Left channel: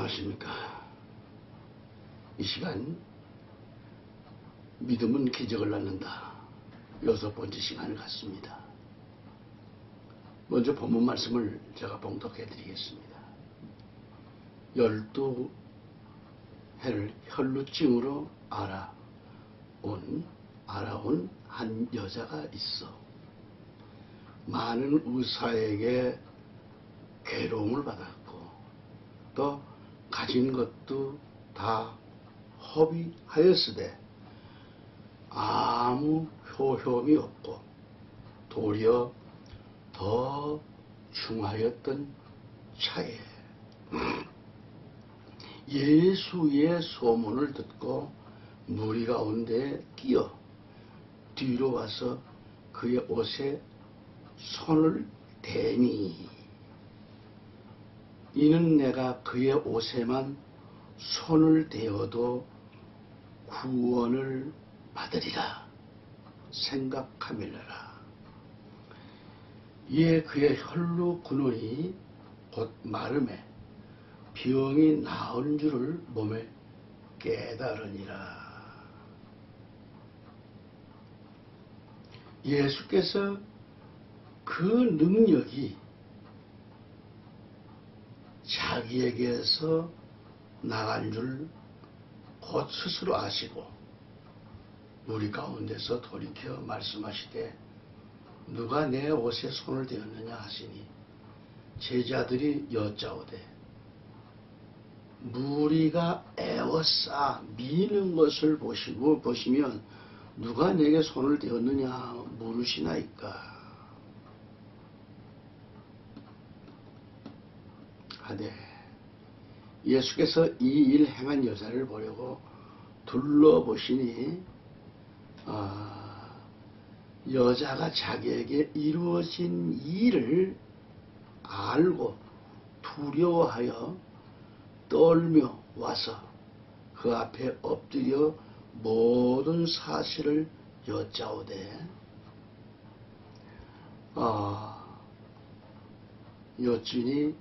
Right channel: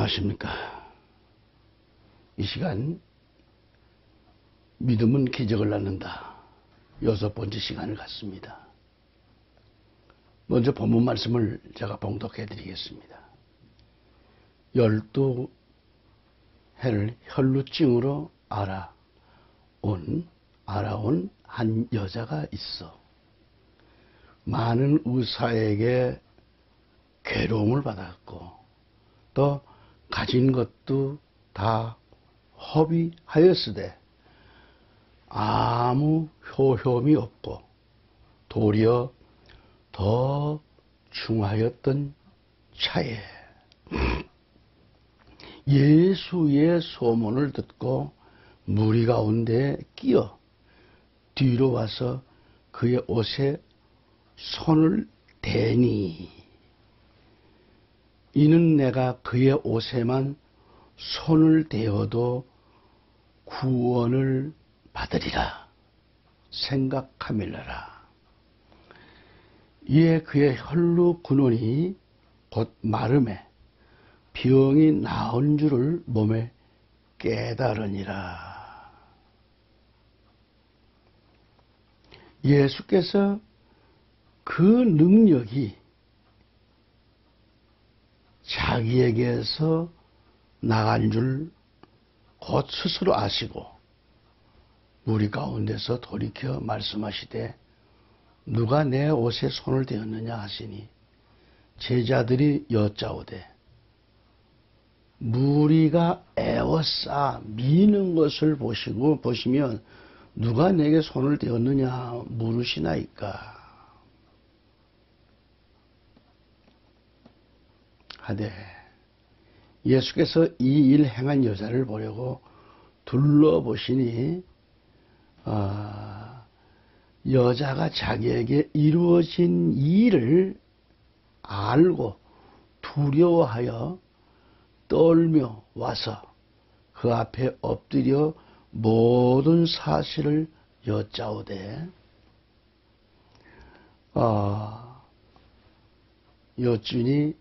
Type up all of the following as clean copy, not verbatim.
안녕하십니까. 이 시간 믿음은 기적을 낳는다. 6번째 시간을 갖습니다. 먼저 본문 말씀을 제가 봉독해 드리겠습니다. 12해를 혈루증으로 알아온 한 여자가 있어. 많은 의사에게 괴로움을 받았고 또 가진 것도 다 허비하였으되 아무 효험이 없고 도리어 더 중하였던 차에 예수의 소문을 듣고 무리 가운데 끼어 뒤로 와서 그의 옷에 손을 대니 이는 내가 그의 옷에만 손을 대어도 구원을 받으리라 생각함일러라. 이에 그의 혈루 근원이 곧 마름에 병이 나은 줄을 몸에 깨달으니라. 예수께서 그 능력이 자기에게서 나간 줄 곧 스스로 아시고 우리 가운데서 돌이켜 말씀하시되 누가 내 옷에 손을 대었느냐 하시니 제자들이 여짜오되 무리가 애워싸 미는 것을 보시면 누가 내게 손을 대었느냐 물으시나이까 하되 예수께서 이 일 행한 여자를 보려고 둘러보시니 여자가 자기에게 이루어진 일을 알고 두려워하여 떨며 와서 그 앞에 엎드려 모든 사실을 여짜오되 여쭈니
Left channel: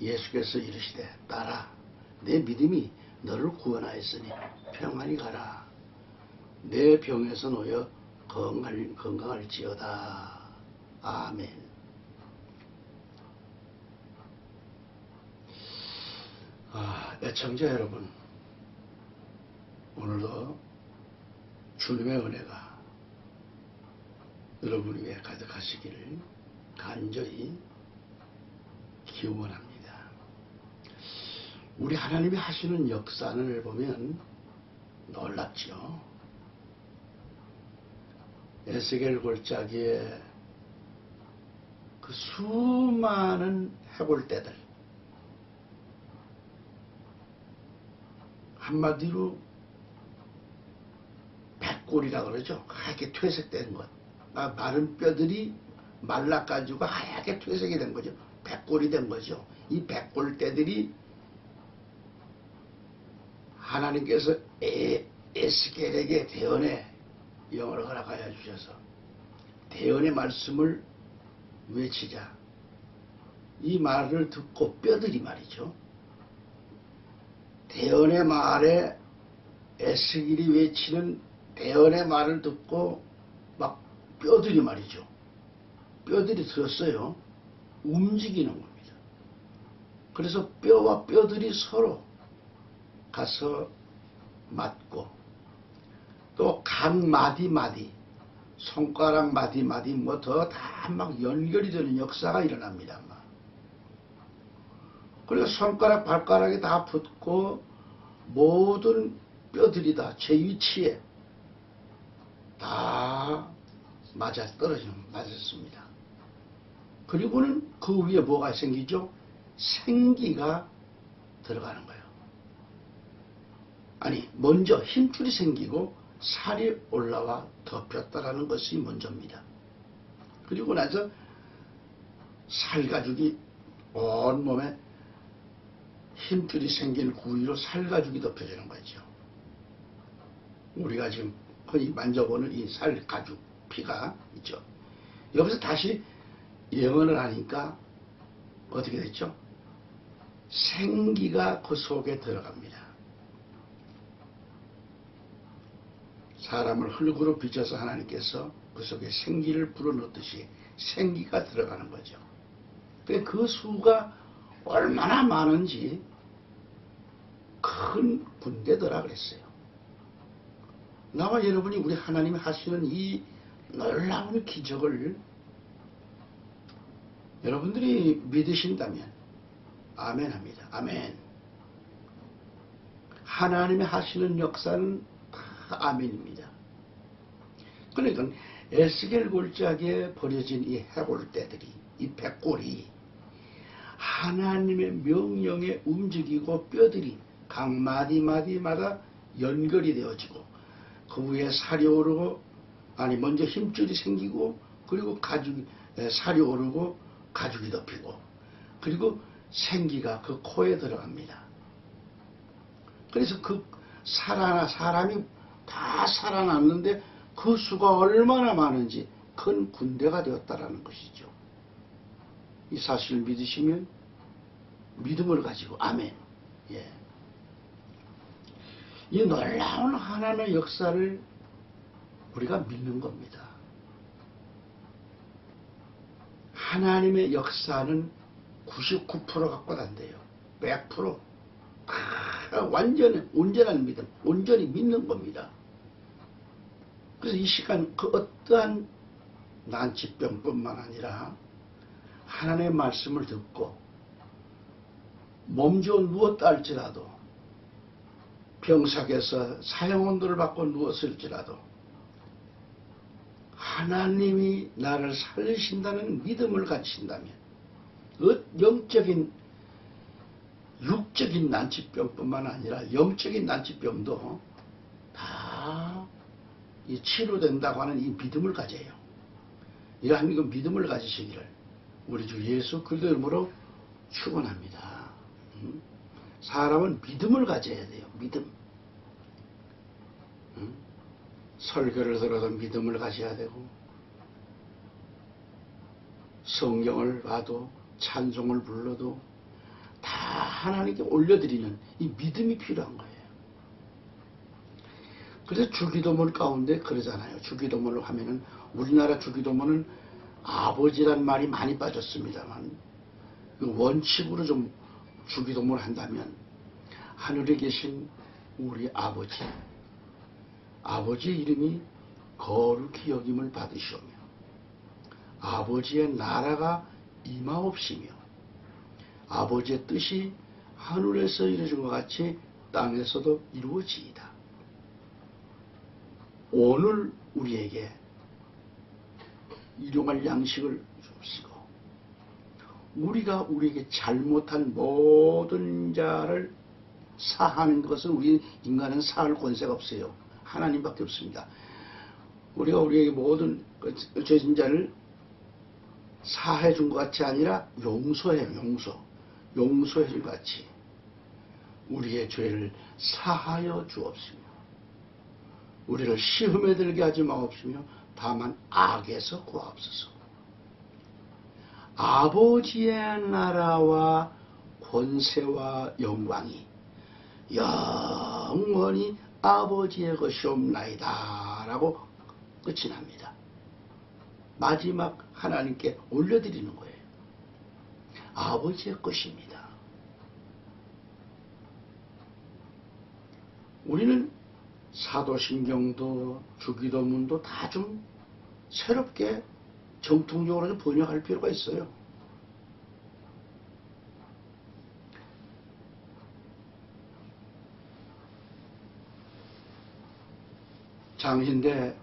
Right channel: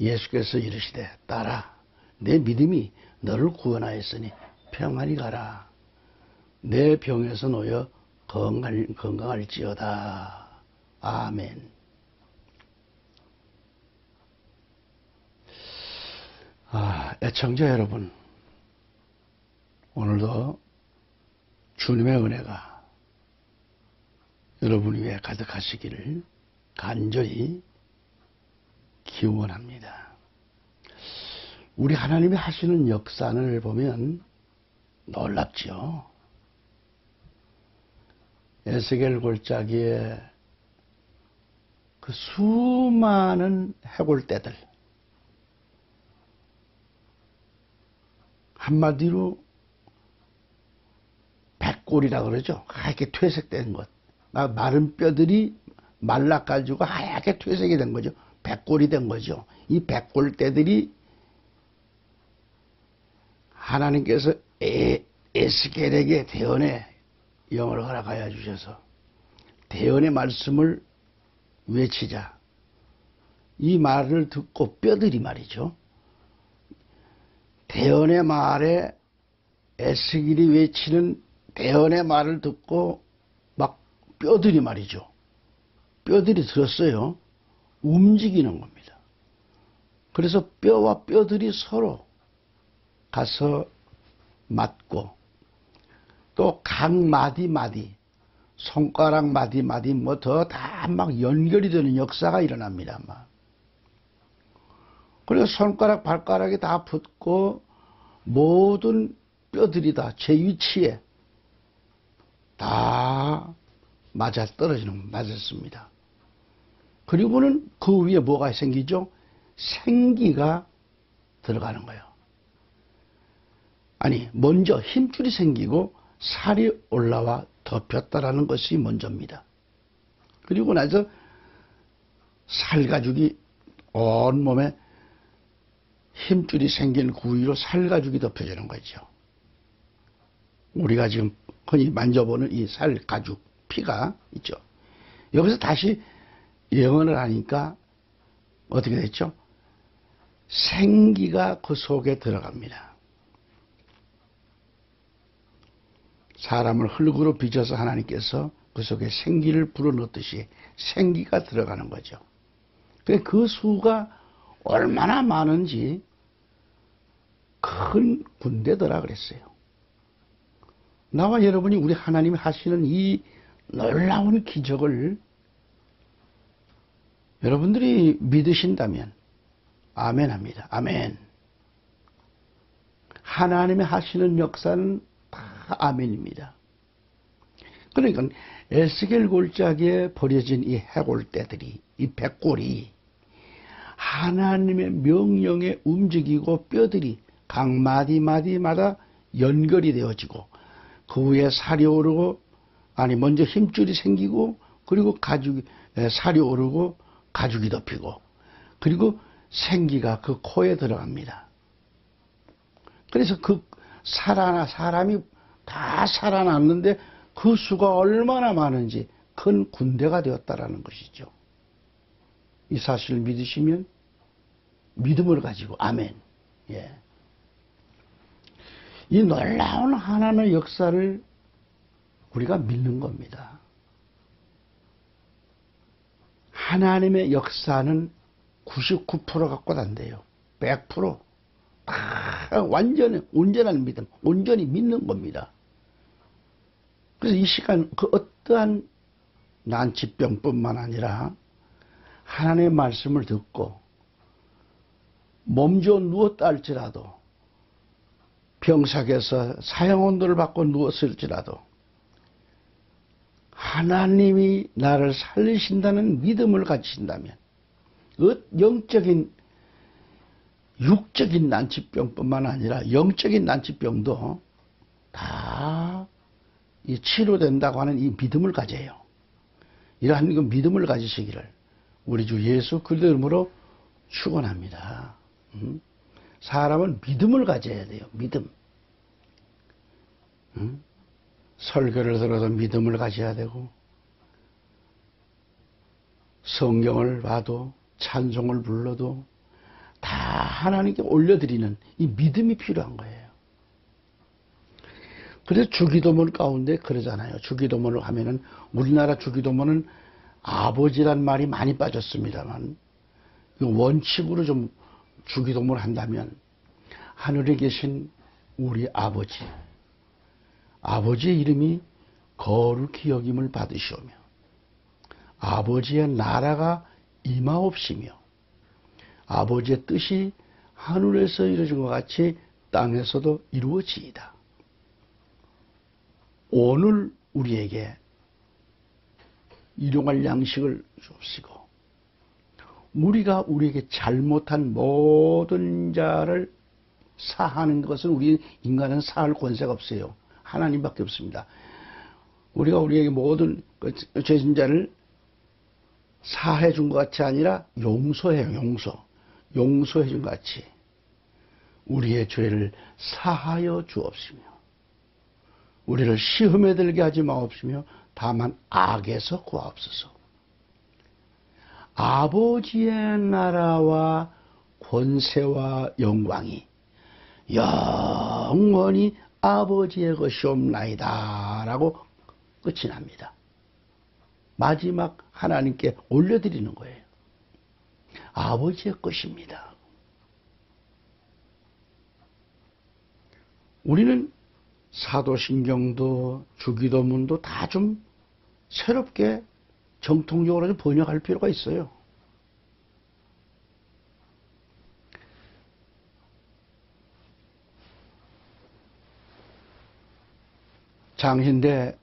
예수께서 이르시되 딸아 내 믿음이 너를 구원하였으니 평안히 가라. 내 병에서 놓여 건강할지어다. 아멘. 애청자 여러분, 오늘도 주님의 은혜가 여러분 위에 가득하시기를 간절히 기원합니다. 우리 하나님이 하시는 역사를 보면 놀랍지요. 에스겔 골짜기에 그 수많은 해골떼들, 한마디로 백골이라 그러죠. 하얗게 퇴색된 것. 마른 뼈들이 말라가지고 하얗게 퇴색이 된 거죠. 백골이 된 거죠. 이 백골떼들이 하나님께서 에스겔에게 대언의 영을 허락하여 주셔서 대언의 말씀을 외치자. 이 말을 듣고 뼈들이 말이죠. 대언의 말에 에스겔이 외치는 대언의 말을 듣고 막 뼈들이 말이죠. 뼈들이 들었어요. 움직이는 겁니다. 그래서 뼈와 뼈들이 서로 가서 맞고 또 각 마디 손가락 마디 뭐 더 다 막 연결이 되는 역사가 일어납니다. 그래서 손가락 발가락이 다 붙고 모든 뼈들이 다 제 위치에 다 맞았습니다. 그리고는 그 위에 뭐가 생기죠? 생기가 들어가는 거예요. 아니, 먼저 힘줄이 생기고 살이 올라와 덮였다라는 것이 먼저입니다. 그리고 나서 살가죽이 온몸에 힘줄이 생긴 구위로 살가죽이 덮여지는 거죠. 우리가 지금 흔히 만져보는 이 살가죽, 피가 있죠. 여기서 다시 예언을 하니까 어떻게 됐죠? 생기가 그 속에 들어갑니다. 사람을 흙으로 빚어서 하나님께서 그 속에 생기를 불어넣듯이 생기가 들어가는 거죠. 그 수가 얼마나 많은지 큰 군대더라 그랬어요. 나와 여러분이 우리 하나님이 하시는 이 놀라운 기적을 여러분들이 믿으신다면 아멘 합니다. 아멘. 하나님이 하시는 역사는 다 아멘입니다. 그러니까 에스겔 골짜기에 버려진 이 해골떼들이, 이 백골이 하나님의 명령에 움직이고 뼈들이 각 마디마디마다 연결이 되어지고 그 위에 살이 오르고, 아니 먼저 힘줄이 생기고, 그리고 가죽이, 살이 오르고 가죽이 덮이고, 그리고 생기가 그 코에 들어갑니다. 그래서 그 사람이 다 살아났는데 그 수가 얼마나 많은지 큰 군대가 되었다라는 것이죠. 이 사실을 믿으시면 믿음을 가지고 아멘. 예. 이 놀라운 하나님의 역사를 우리가 믿는 겁니다. 하나님의 역사는 99% 갖고 단대요. 100%. 다 온전한 믿음, 온전히 믿는 겁니다. 그래서 이 시간 그 어떠한 난치병뿐만 아니라 하나님의 말씀을 듣고 몸져 누웠다 할지라도, 병석에서 사형온도를 받고 누웠을지라도 하나님이 나를 살리신다는 믿음을 가지신다면 영적인, 육적인 난치병뿐만 아니라 영적인 난치병도 다 치료된다고 하는 이 믿음을 가져요. 이러한 그 믿음을 가지시기를 우리 주 예수 그리스도 이름으로 축원합니다. 사람은 믿음을 가져야 돼요. 믿음. 설교를 들어도 믿음을 가져야 되고, 성경을 봐도, 찬송을 불러도 다 하나님께 올려드리는 이 믿음이 필요한 거예요. 그래서 주기도문 가운데 그러잖아요. 주기도문을 하면은, 우리나라 주기도문은 아버지란 말이 많이 빠졌습니다만, 원칙으로 좀 주기도문을 한다면 하늘에 계신 우리 아버지, 아버지의 이름이 거룩히 여김을 받으시오며 아버지의 나라가 임하옵시며 아버지의 뜻이 하늘에서 이루어진 것 같이 땅에서도 이루어지이다. 오늘 우리에게 일용할 양식을 주옵시고 우리가 우리에게 잘못한 모든 자를 사하는 것은 우리 인간은 사할 권세가 없어요. 하나님밖에 없습니다. 우리가 우리에게 모든 죄진 자를 사해 준 것 같이 아니라 용서해요. 용서해 준 것 같이 우리의 죄를 사하여 주옵시며 우리를 시험에 들게 하지 마옵시며 다만 악에서 구하옵소서. 아버지의 나라와 권세와 영광이 영원히 아버지의 것이옵나이다 라고 끝이 납니다. 마지막 하나님께 올려드리는 거예요. 아버지의 것입니다. 우리는 사도신경도 주기도문도 다 좀 새롭게 정통적으로 좀 번역할 필요가 있어요. 장신대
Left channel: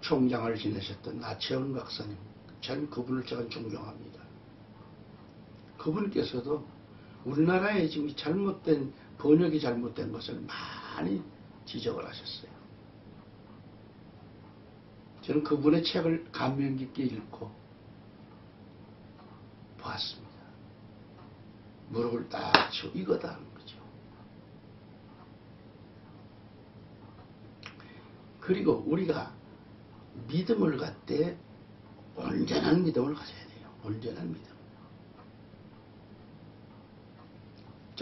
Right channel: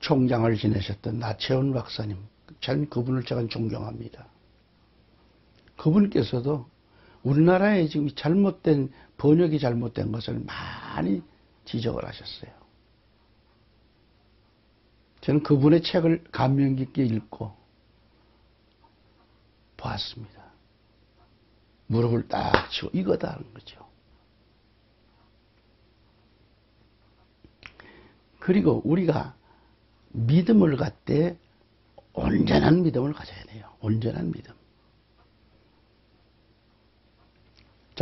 총장을 지내셨던 나채원 박사님, 참 그분을 제가 존경합니다. 그분께서도 우리나라에 지금 번역이 잘못된 것을 많이 지적을 하셨어요. 저는 그분의 책을 감명 깊게 읽고 보았습니다. 무릎을 딱 치고 이거다 하는 거죠. 그리고 우리가 믿음을 갖되 온전한 믿음을 가져야 돼요. 온전한 믿음.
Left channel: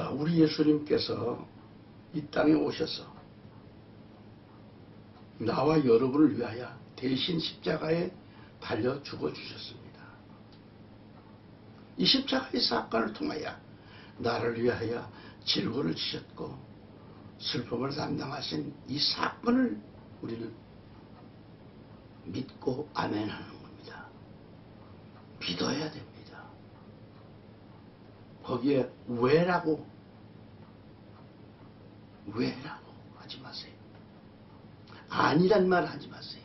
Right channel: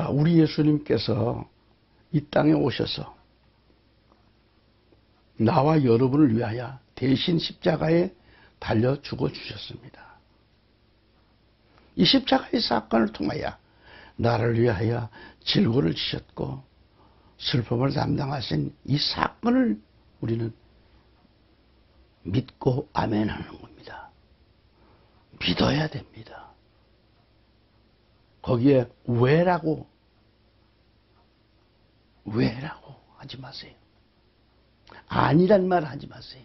자, 우리 예수님께서 이 땅에 오셔서 나와 여러분을 위하여 대신 십자가에 달려 죽어 주셨습니다. 이 십자가의 사건을 통하여 나를 위하여 질고를 지셨고 슬픔을 담당하신 이 사건을 우리는 믿고 아멘하는 겁니다. 믿어야 됩니다. 거기에 왜라고 하지 마세요. 아니란 말 하지 마세요.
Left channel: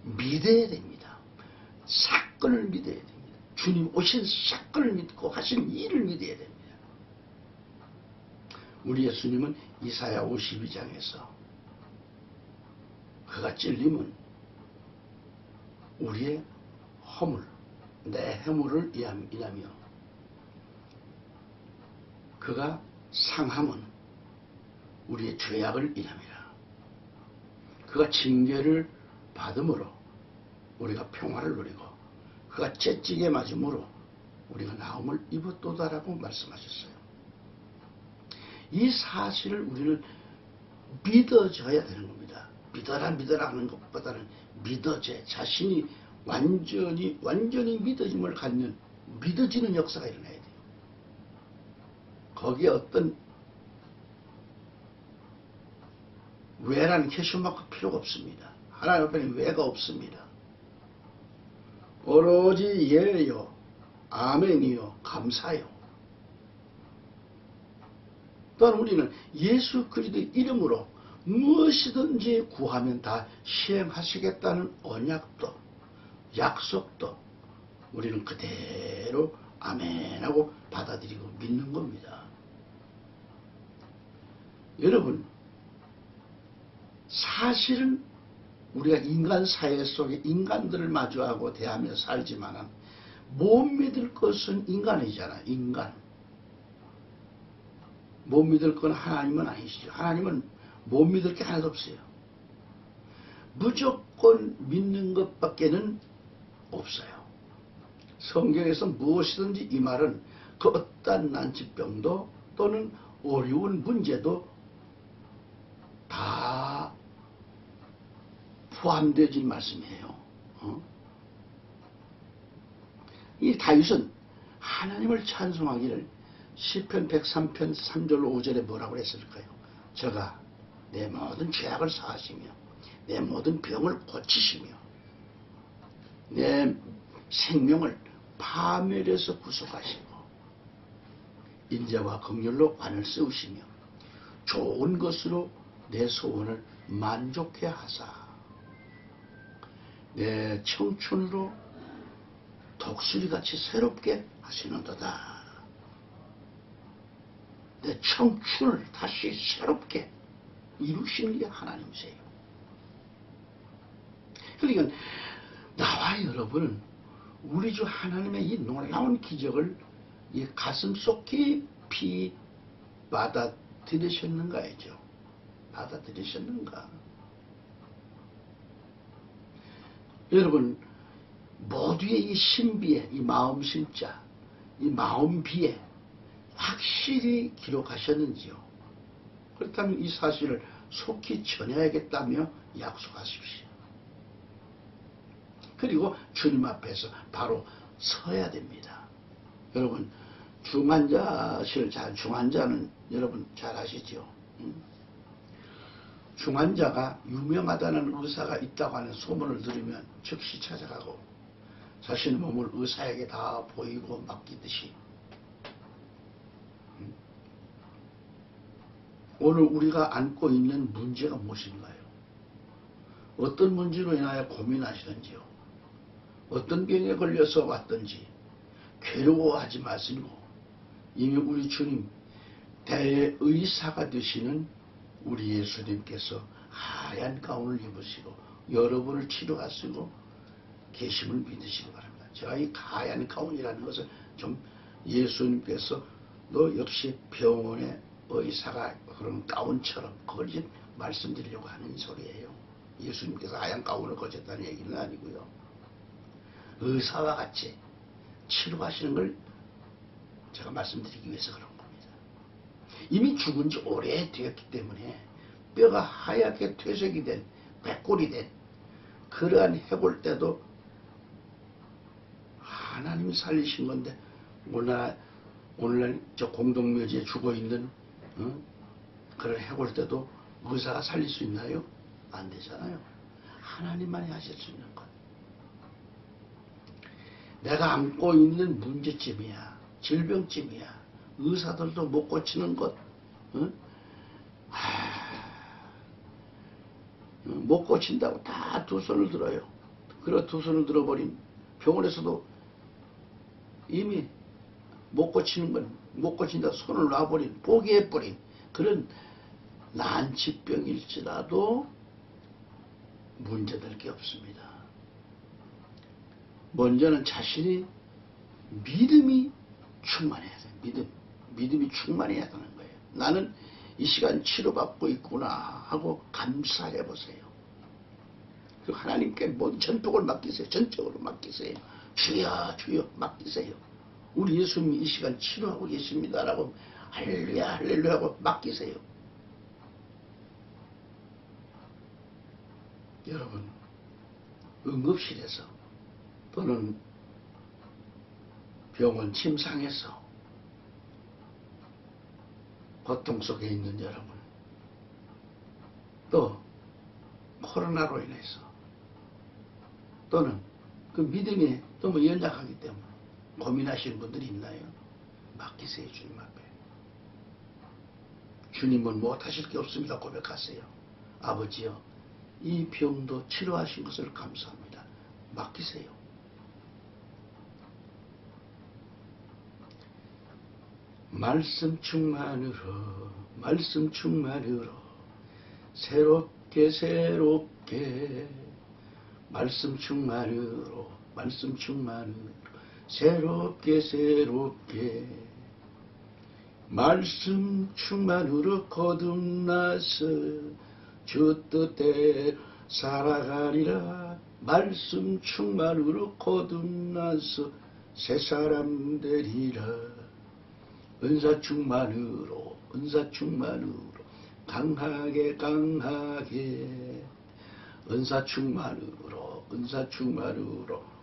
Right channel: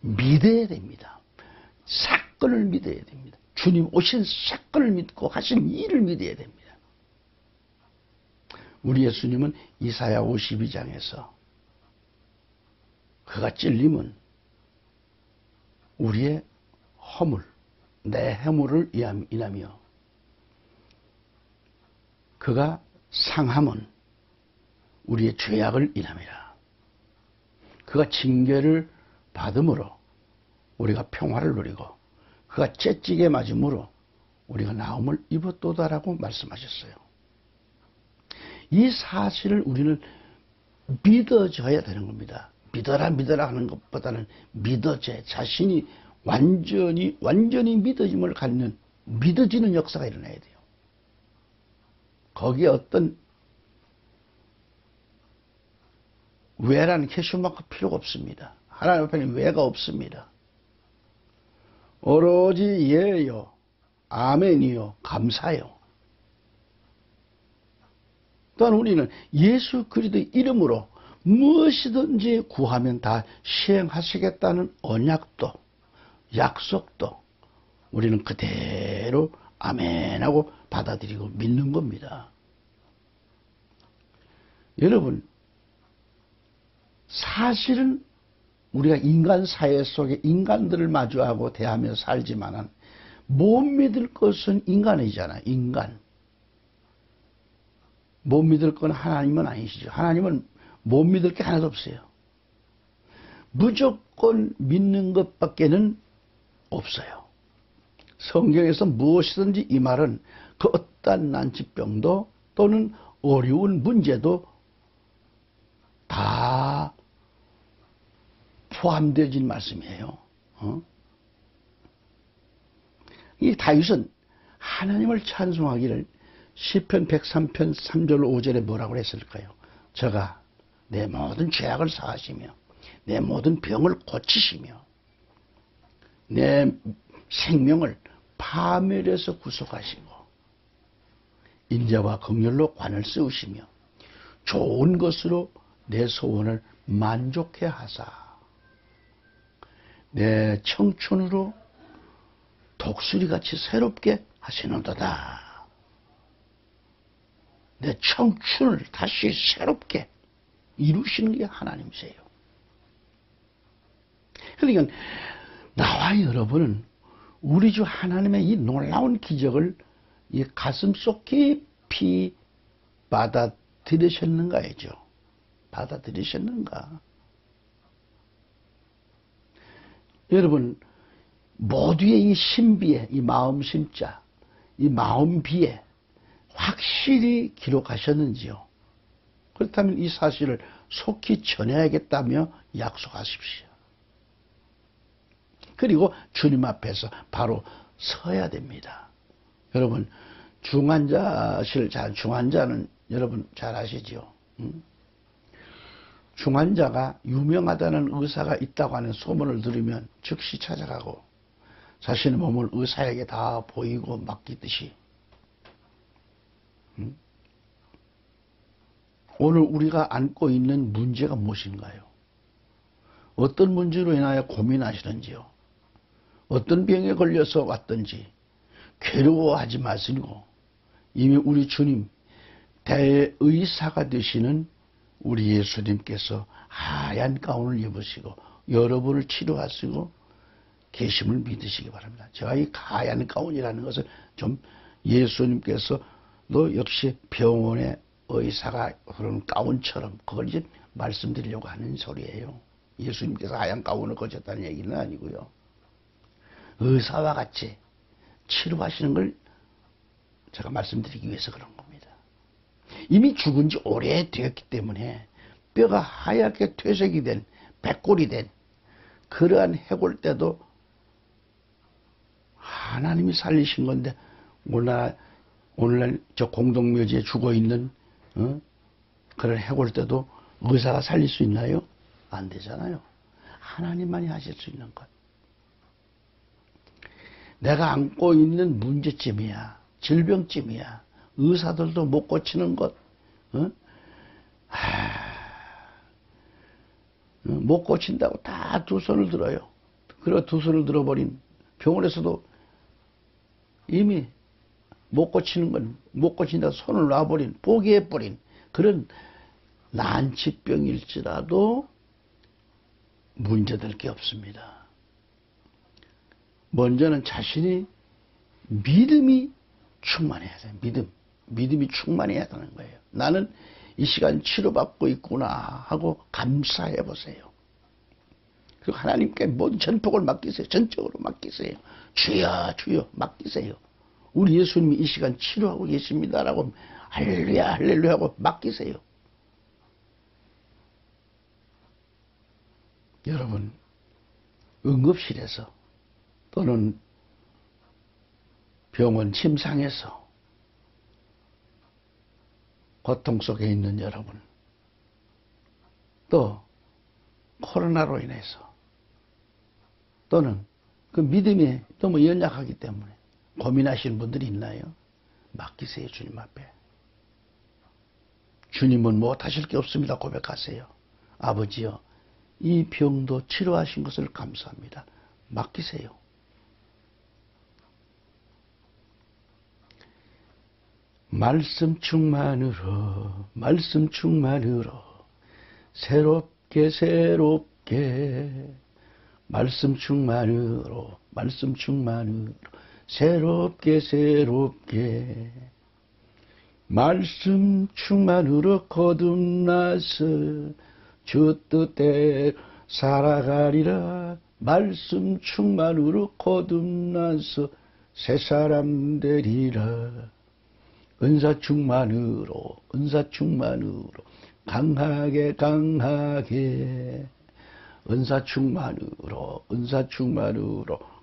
믿어야 됩니다. 사건을 믿어야 됩니다. 주님 오신 사건을 믿고 하신 일을 믿어야 됩니다. 우리 예수님은 이사야 52장에서 그가 찔림은 우리의 허물, 내 해물을 인하며 그가 상함은 우리의 죄악을 인함이라. 그가 징계를 받음으로 우리가 평화를 누리고 그가 채찍에 맞음으로 우리가 나음을 입었도다라고 말씀하셨어요. 이 사실을 우리는 믿어줘야 되는 겁니다. 믿어라 하는 것보다는 믿어져 자신이 완전히 믿어짐을 갖는 믿어지는 역사가 일어나야 돼요. 거기에 어떤 왜라는 캐슈마크 필요가 없습니다. 하나님 앞에는 왜가 없습니다. 오로지 예요, 아멘이요, 감사요. 또한 우리는 예수 그리스도의 이름으로 무엇이든지 구하면 다 시행하시겠다는 언약도 약속도 우리는 그대로 아멘하고 받아들이고 믿는 겁니다. 여러분, 사실은 우리가 인간 사회 속에 인간들을 마주하고 대하며 살지만 못 믿을 것은 인간이잖아요. 인간. 못 믿을 건 하나님은 아니시죠. 하나님은 못 믿을 게 하나도 없어요. 무조건 믿는 것밖에는 없어요. 성경에서 무엇이든지 이 말은 그 어떠한 난치병도 또는 어려운 문제도 다 포함되어진 말씀이에요. 이 다윗은 하나님을 찬송하기를 시편 103편 3절 5절에 뭐라고 했을까요? 저가 내 모든 죄악을 사하시며 내 모든 병을 고치시며 내 생명을 파멸에서 구속하시고 인자와 긍휼로 관을 세우시며 좋은 것으로 내 소원을 만족해 하사 내 청춘으로 독수리같이 새롭게 하시는도다. 내 청춘을 다시 새롭게 이루시는 게 하나님이세요. 그러니까 나와 여러분은 우리 주 하나님의 이 놀라운 기적을 이 가슴속 깊이 받아들이셨는가이죠. 받아들이셨는가? 여러분, 모두의 이 신비에, 이 마음 심자, 이 마음 비에 확실히 기록하셨는지요? 그렇다면 이 사실을 속히 전해야겠다며 약속하십시오. 그리고 주님 앞에서 바로 서야 됩니다. 여러분, 중환자는 여러분 잘 아시죠? 중환자가 유명하다는 의사가 있다고 하는 소문을 들으면 즉시 찾아가고 자신의 몸을 의사에게 다 보이고 맡기듯이 오늘 우리가 안고 있는 문제가 무엇인가요? 어떤 문제로 인하여 고민하시는지요? 어떤 병에 걸려서 왔든지 괴로워하지 마시고 이미 우리 주님 대의사가 되시는 우리 예수님께서 하얀 가운을 입으시고 여러분을 치료하시고 계심을 믿으시기 바랍니다. 제가 이 하얀 가운이라는 것을 좀 예수님께서 너 역시 병원의 의사가 그런 가운처럼 그걸 이제 말씀드리려고 하는 소리예요. 예수님께서 하얀 가운을 거쳤다는 얘기는 아니고요. 의사와 같이 치료하시는 걸 제가 말씀드리기 위해서 그런 겁니다. 이미 죽은 지 오래되었기 때문에 뼈가 하얗게 퇴색이 된, 백골이 된 그러한 해골 때도 하나님이 살리신 건데, 오늘날 저 공동묘지에 죽어있는 그런 해골 때도 의사가 살릴 수 있나요? 안 되잖아요. 하나님만이 하실 수 있는 것. 내가 안고 있는 문제점이야, 질병점이야, 의사들도 못 고치는 것, 못 고친다고 다 두 손을 들어요. 그래 두 손을 들어버린 병원에서도 이미 못 고치는 건 못 고친다고 손을 놔버린, 포기해버린 그런 난치병일지라도 문제될 게 없습니다. 먼저는 자신이 믿음이 충만해야 돼요. 믿음이 충만해야 되는 거예요. 나는 이 시간 치료받고 있구나 하고 감사해 보세요. 그리고 하나님께 모든 전폭을 맡기세요. 전적으로 맡기세요. 주여 주여 맡기세요. 우리 예수님이 이 시간 치료하고 계십니다라고 할렐루야 할렐루야 하고 맡기세요. 여러분, 응급실에서 또는 병원 침상에서 고통 속에 있는 여러분, 또 코로나로 인해서 또는 그 믿음이 너무 연약하기 때문에 고민하시는 분들이 있나요? 맡기세요. 주님 앞에. 주님은 못하실 게 없습니다. 고백하세요. 아버지여, 이 병도 치료하신 것을 감사합니다. 맡기세요. 말씀 충만으로 새롭게 말씀 충만으로 새롭게 말씀 충만으로 거듭나서 주 뜻대로 살아가리라. 말씀 충만으로 거듭나서 새 사람 되리라. 은사 충만으로 강하게 은사 충만으로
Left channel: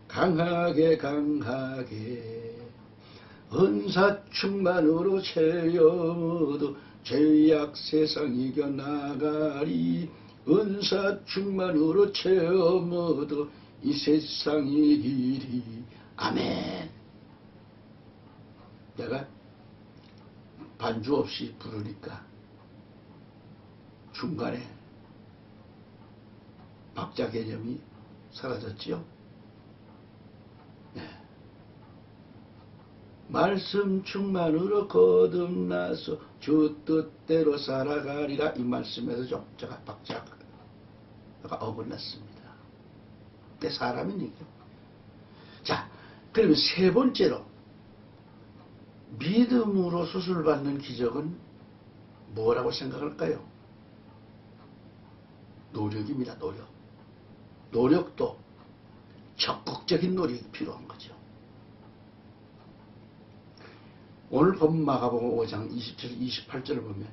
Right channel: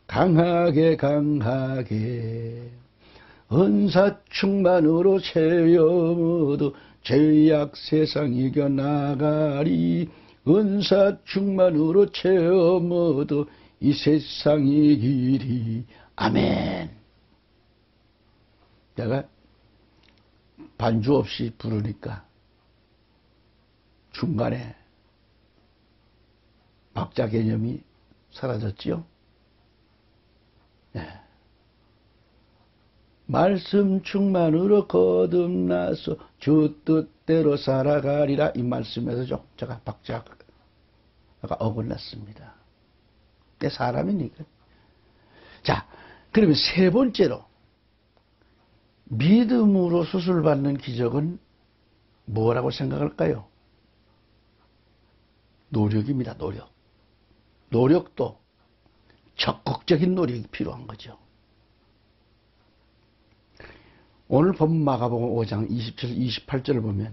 강하게 은사 충만으로 체험으로 죄악 세상 이겨나가리. 은사 충만으로 체험으로 이 세상 이기리. 아멘. 내가 반주 없이 부르니까 중간에 박자 개념이 사라졌지요. 네. 말씀 충만으로 거듭나서 주 뜻대로 살아가리라. 이 말씀에서 제가 박자가 어긋났습니다. 내 사람이니까. 자, 그러면 세 번째로 믿음으로 수술받는 기적은 뭐라고 생각할까요? 노력입니다. 노력도 적극적인 노력이 필요한 거죠. 오늘 본 마가복음 5장 27, 28절을 보면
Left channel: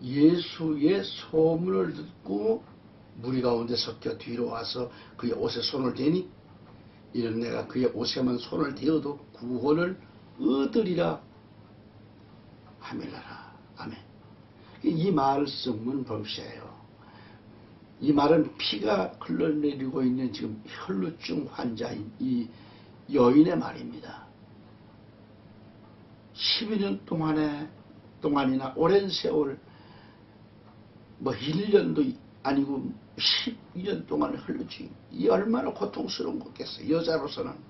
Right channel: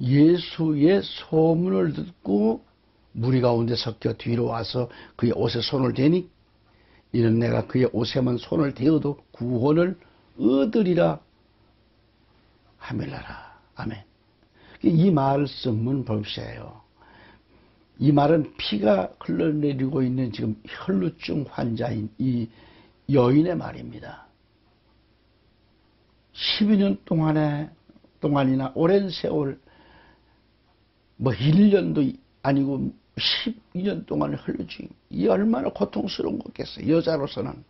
예수의 소문을 듣고 무리 가운데 섞여 뒤로 와서 그의 옷에 손을 대니 이는 내가 그의 옷에만 손을 대어도 구원을 얻으리라 하멜라라. 아멘. 이 말씀은 보세요. 이 말은 피가 흘러내리고 있는 지금 혈루증 환자인 이 여인의 말입니다. 12년 동안이나 오랜 세월, 1년도 아니고 12년 동안 흘러증, 이 얼마나 고통스러운 거겠어요. 여자로서는.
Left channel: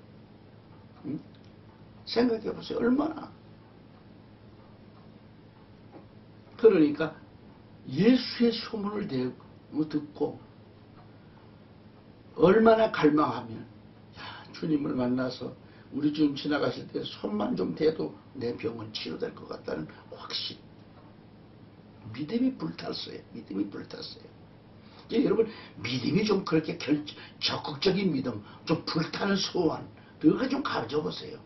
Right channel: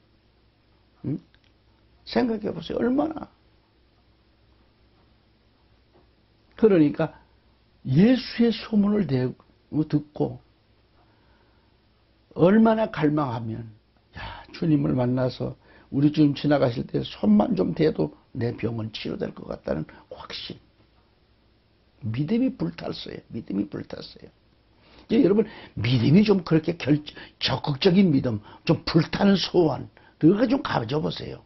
생각해 보세요. 얼마나. 그러니까 예수의 소문을 듣고 얼마나 갈망하면, 주님을 만나서 우리 주님 지나가실 때 손만 좀 대도 내 병은 치료될 것 같다는 확신. 믿음이 불탔어요. 여러분, 믿음이 좀 그렇게 적극적인 믿음, 좀 불타는 소원, 그거 좀 가져보세요.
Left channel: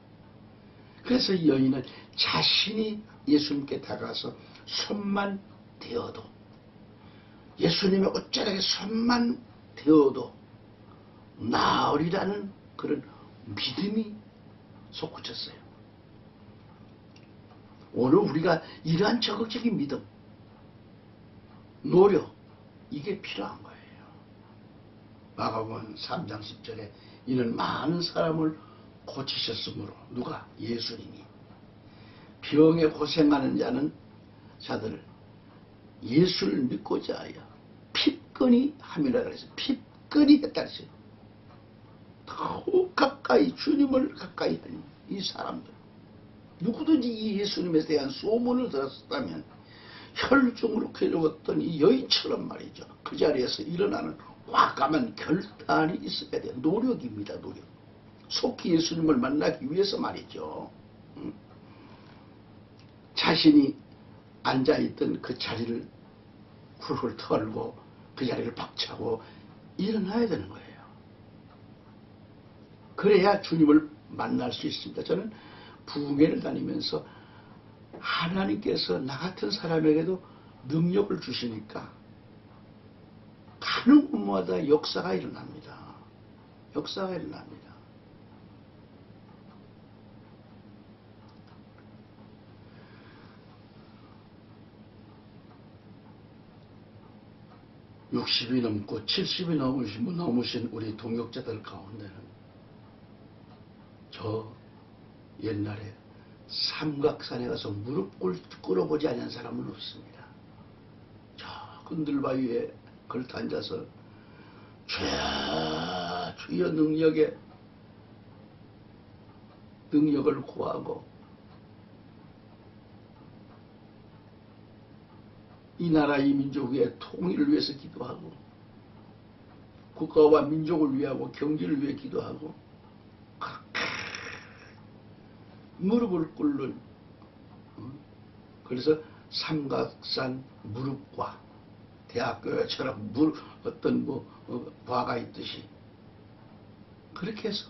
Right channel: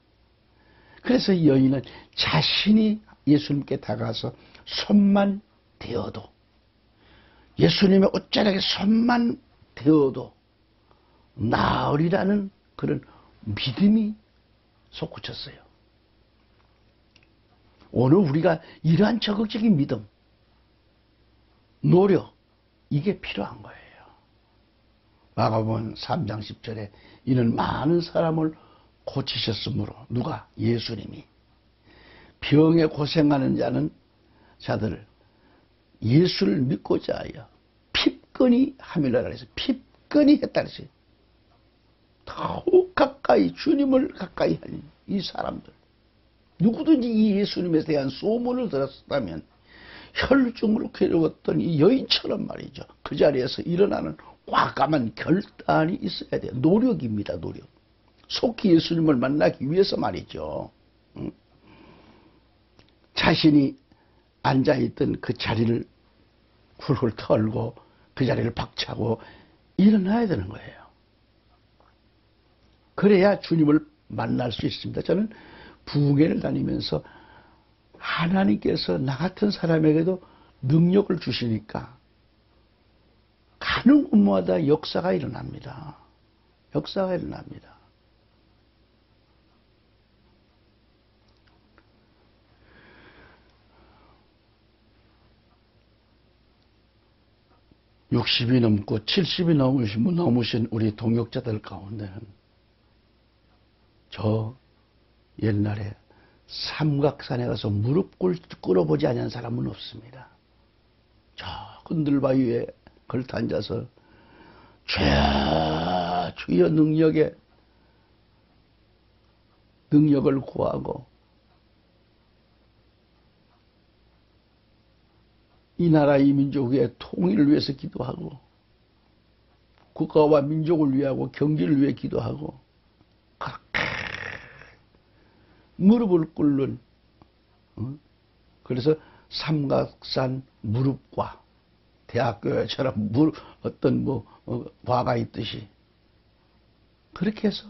그래서 이 여인은 자신이 예수님께 다가서 손만 대어도, 예수님의 옷자락에 손만 대어도 나으리라는 그런 믿음이 솟구쳤어요. 오늘 우리가 이러한 적극적인 믿음, 노력, 이게 필요한 거예요. 마가복음 3장 10절에 이는 많은 사람을 고치셨으므로, 누가? 예수님이. 병에 고생하는 자들을 예수를 믿고자 하여 핍건이 함이라 그래서 핍건이 했다 그랬어요. 더욱 가까이, 주님을 가까이 하는 이 사람들, 누구든지 이 예수님에 대한 소문을 들었다면 혈중으로 괴로웠던 이 여인처럼 말이죠, 그 자리에서 일어나는 과감한 결단이 있어야 돼요. 노력입니다. 노력. 속히 예수님을 만나기 위해서 말이죠. 자신이 앉아있던 그 자리를 훌훌 털고 그 자리를 박차고 일어나야 되는 거예요. 그래야 주님을 만날 수 있습니다. 저는 부흥회를 다니면서 하나님께서 나 같은 사람에게도 능력을 주시니까 가는 곳마다 역사가 일어납니다. 역사가 일어납니다. (60이) 넘고 (70이) 넘으신 우리 동역자들 가운데는 저 옛날에 삼각산에 가서 무릎 꿇어보지 않은 사람은 없습니다. 저 흔들바위에 걸터 앉아서 죄야 주여 능력을 구하고 이 나라 이 민족의 통일을 위해서 기도하고 국가와 민족을 위하고 경제를 위해 기도하고 무릎을 꿇는, 그래서 삼각산 무릎과 대학교처럼 어떤 과가 있듯이 그렇게 해서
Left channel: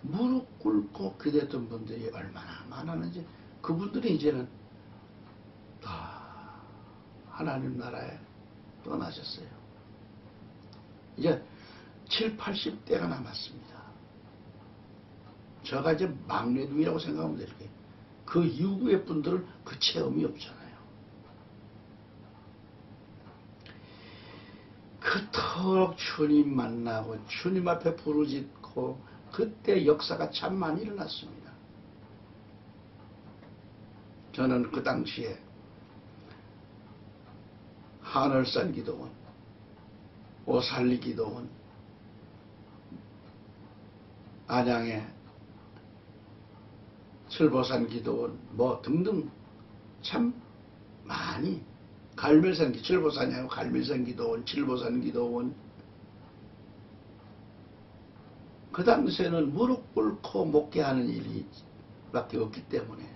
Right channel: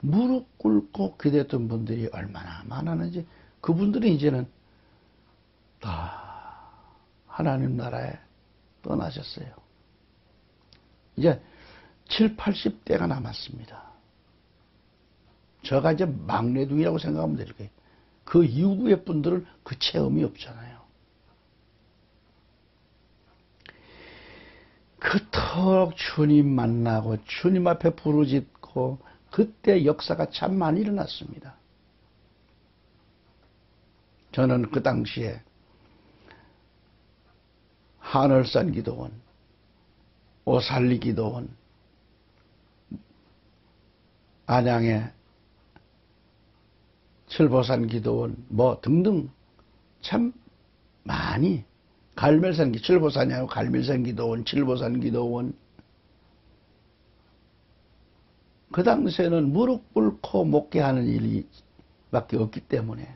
무릎 꿇고 기도했던 분들이 얼마나 많았는지, 그분들이 이제는 다 하나님 나라에 떠나셨어요. 이제 7, 80대가 남았습니다. 저가 이제 막내둥이라고 생각하면 될 거예요. 그 이후의 분들은 그 체험이 없잖아요. 그토록 주님 만나고 주님 앞에 부르짖고 그때 역사가 참 많이 일어났습니다. 저는 그 당시에 하늘산 기도원, 오살리 기도원, 안양의 칠보산 기도원 등등 참 많이, 갈멜산, 칠보산이 아니고 갈멜산 기도원, 칠보산 기도원, 그 당시에는 무릎 꿇고 목회하는 일이 밖에 없기 때문에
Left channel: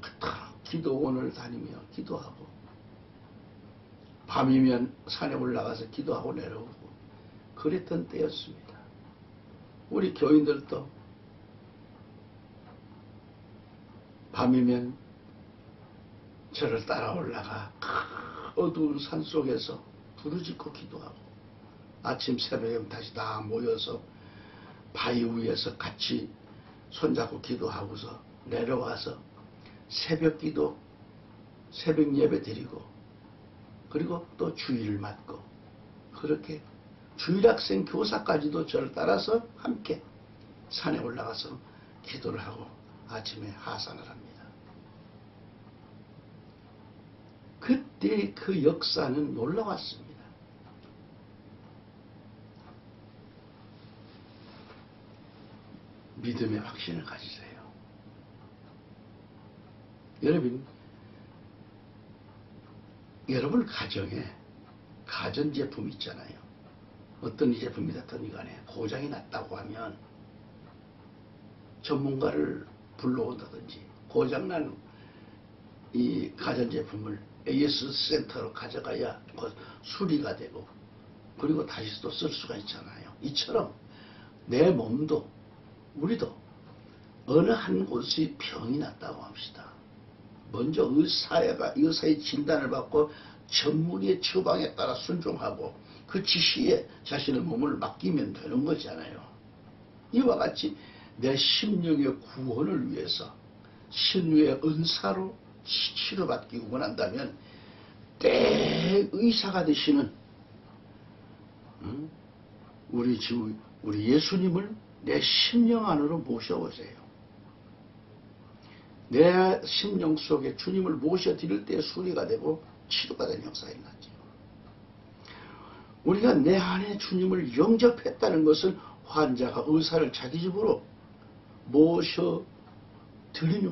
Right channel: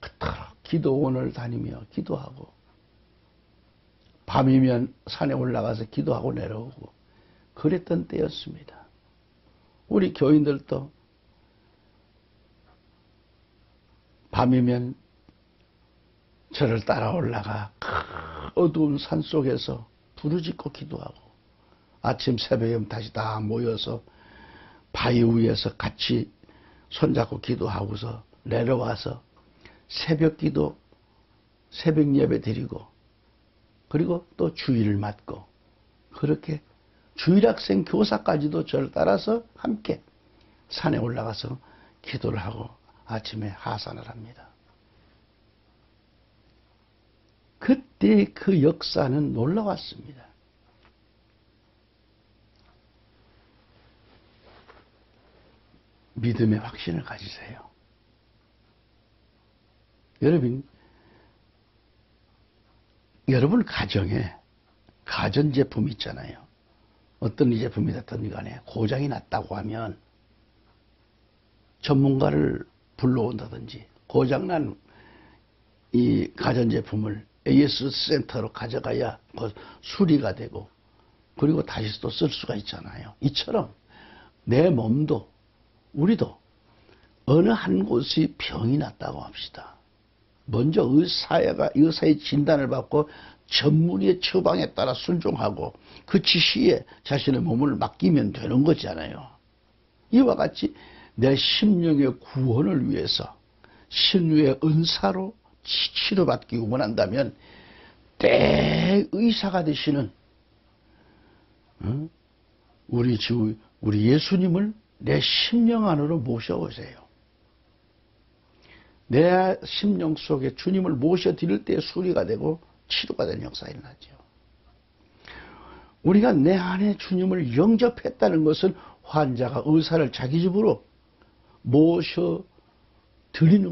그토록 기도원을 다니며 기도하고 밤이면 산에 올라가서 기도하고 내려오고 그랬던 때였습니다. 우리 교인들도 밤이면 저를 따라 올라가 어두운 산 속에서 부르짖고 기도하고 아침 새벽에 다시 다 모여서 바위 위에서 같이 손잡고 기도하고서 내려와서 새벽 기도, 새벽 예배 드리고 그리고 또 주일을 맞고 그렇게 주일학생 교사까지도 저를 따라서 함께 산에 올라가서 기도를 하고 아침에 하산을 합니다. 그때 그 역사는 놀라웠습니다. 믿음의 확신을 가지세요. 여러분 가정에 가전제품 있잖아요. 어떤 이 제품이 됐든 간에 고장이 났다고 하면 전문가를 불러온다든지 고장난 이 가전제품을 AS 센터로 가져가야 수리가 되고 그리고 다시 또 쓸 수가 있잖아요. 이처럼 내 몸도 우리도 어느 한 곳이 병이 났다고 합시다. 먼저 의사의 진단을 받고 전문의의 처방에 따라 순종하고 그 지시에 자신의 몸을 맡기면 되는 거잖아요. 이와 같이 내 심령의 구원을 위해서 신유의 은사로 치료받기 원한다면 대의사가 되시는 우리 예수님을 내 심령 안으로 모셔오세요. 내 심령 속에 주님을 모셔드릴 때 수리가 되고 치료가 되는 역사가 일어나죠. 우리가 내 안에 주님을 영접했다는 것은 환자가 의사를 자기 집으로 모셔드리는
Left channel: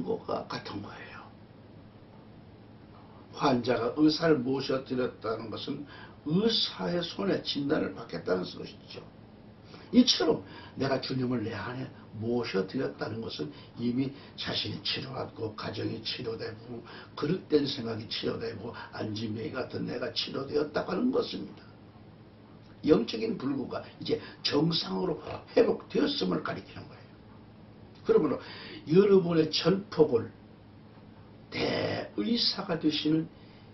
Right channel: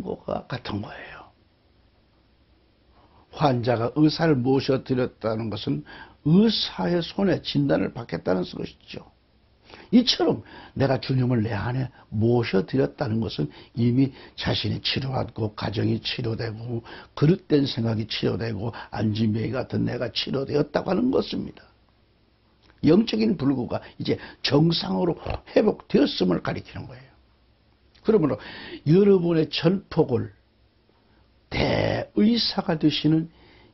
것과 같은 거예요. 환자가 의사를 모셔드렸다는 것은 의사의 손에 진단을 받겠다는 것이죠. 이처럼 내가 주님을 내 안에 모셔드렸다는 것은 이미 자신이 치료하고 가정이 치료되고 그릇된 생각이 치료되고 안진뱅이 같은 내가 치료되었다고 하는 것입니다. 영적인 불구가 이제 정상으로 회복되었음을 가리키는 거예요. 그러므로 여러분의 전폭을 대의사가 되시는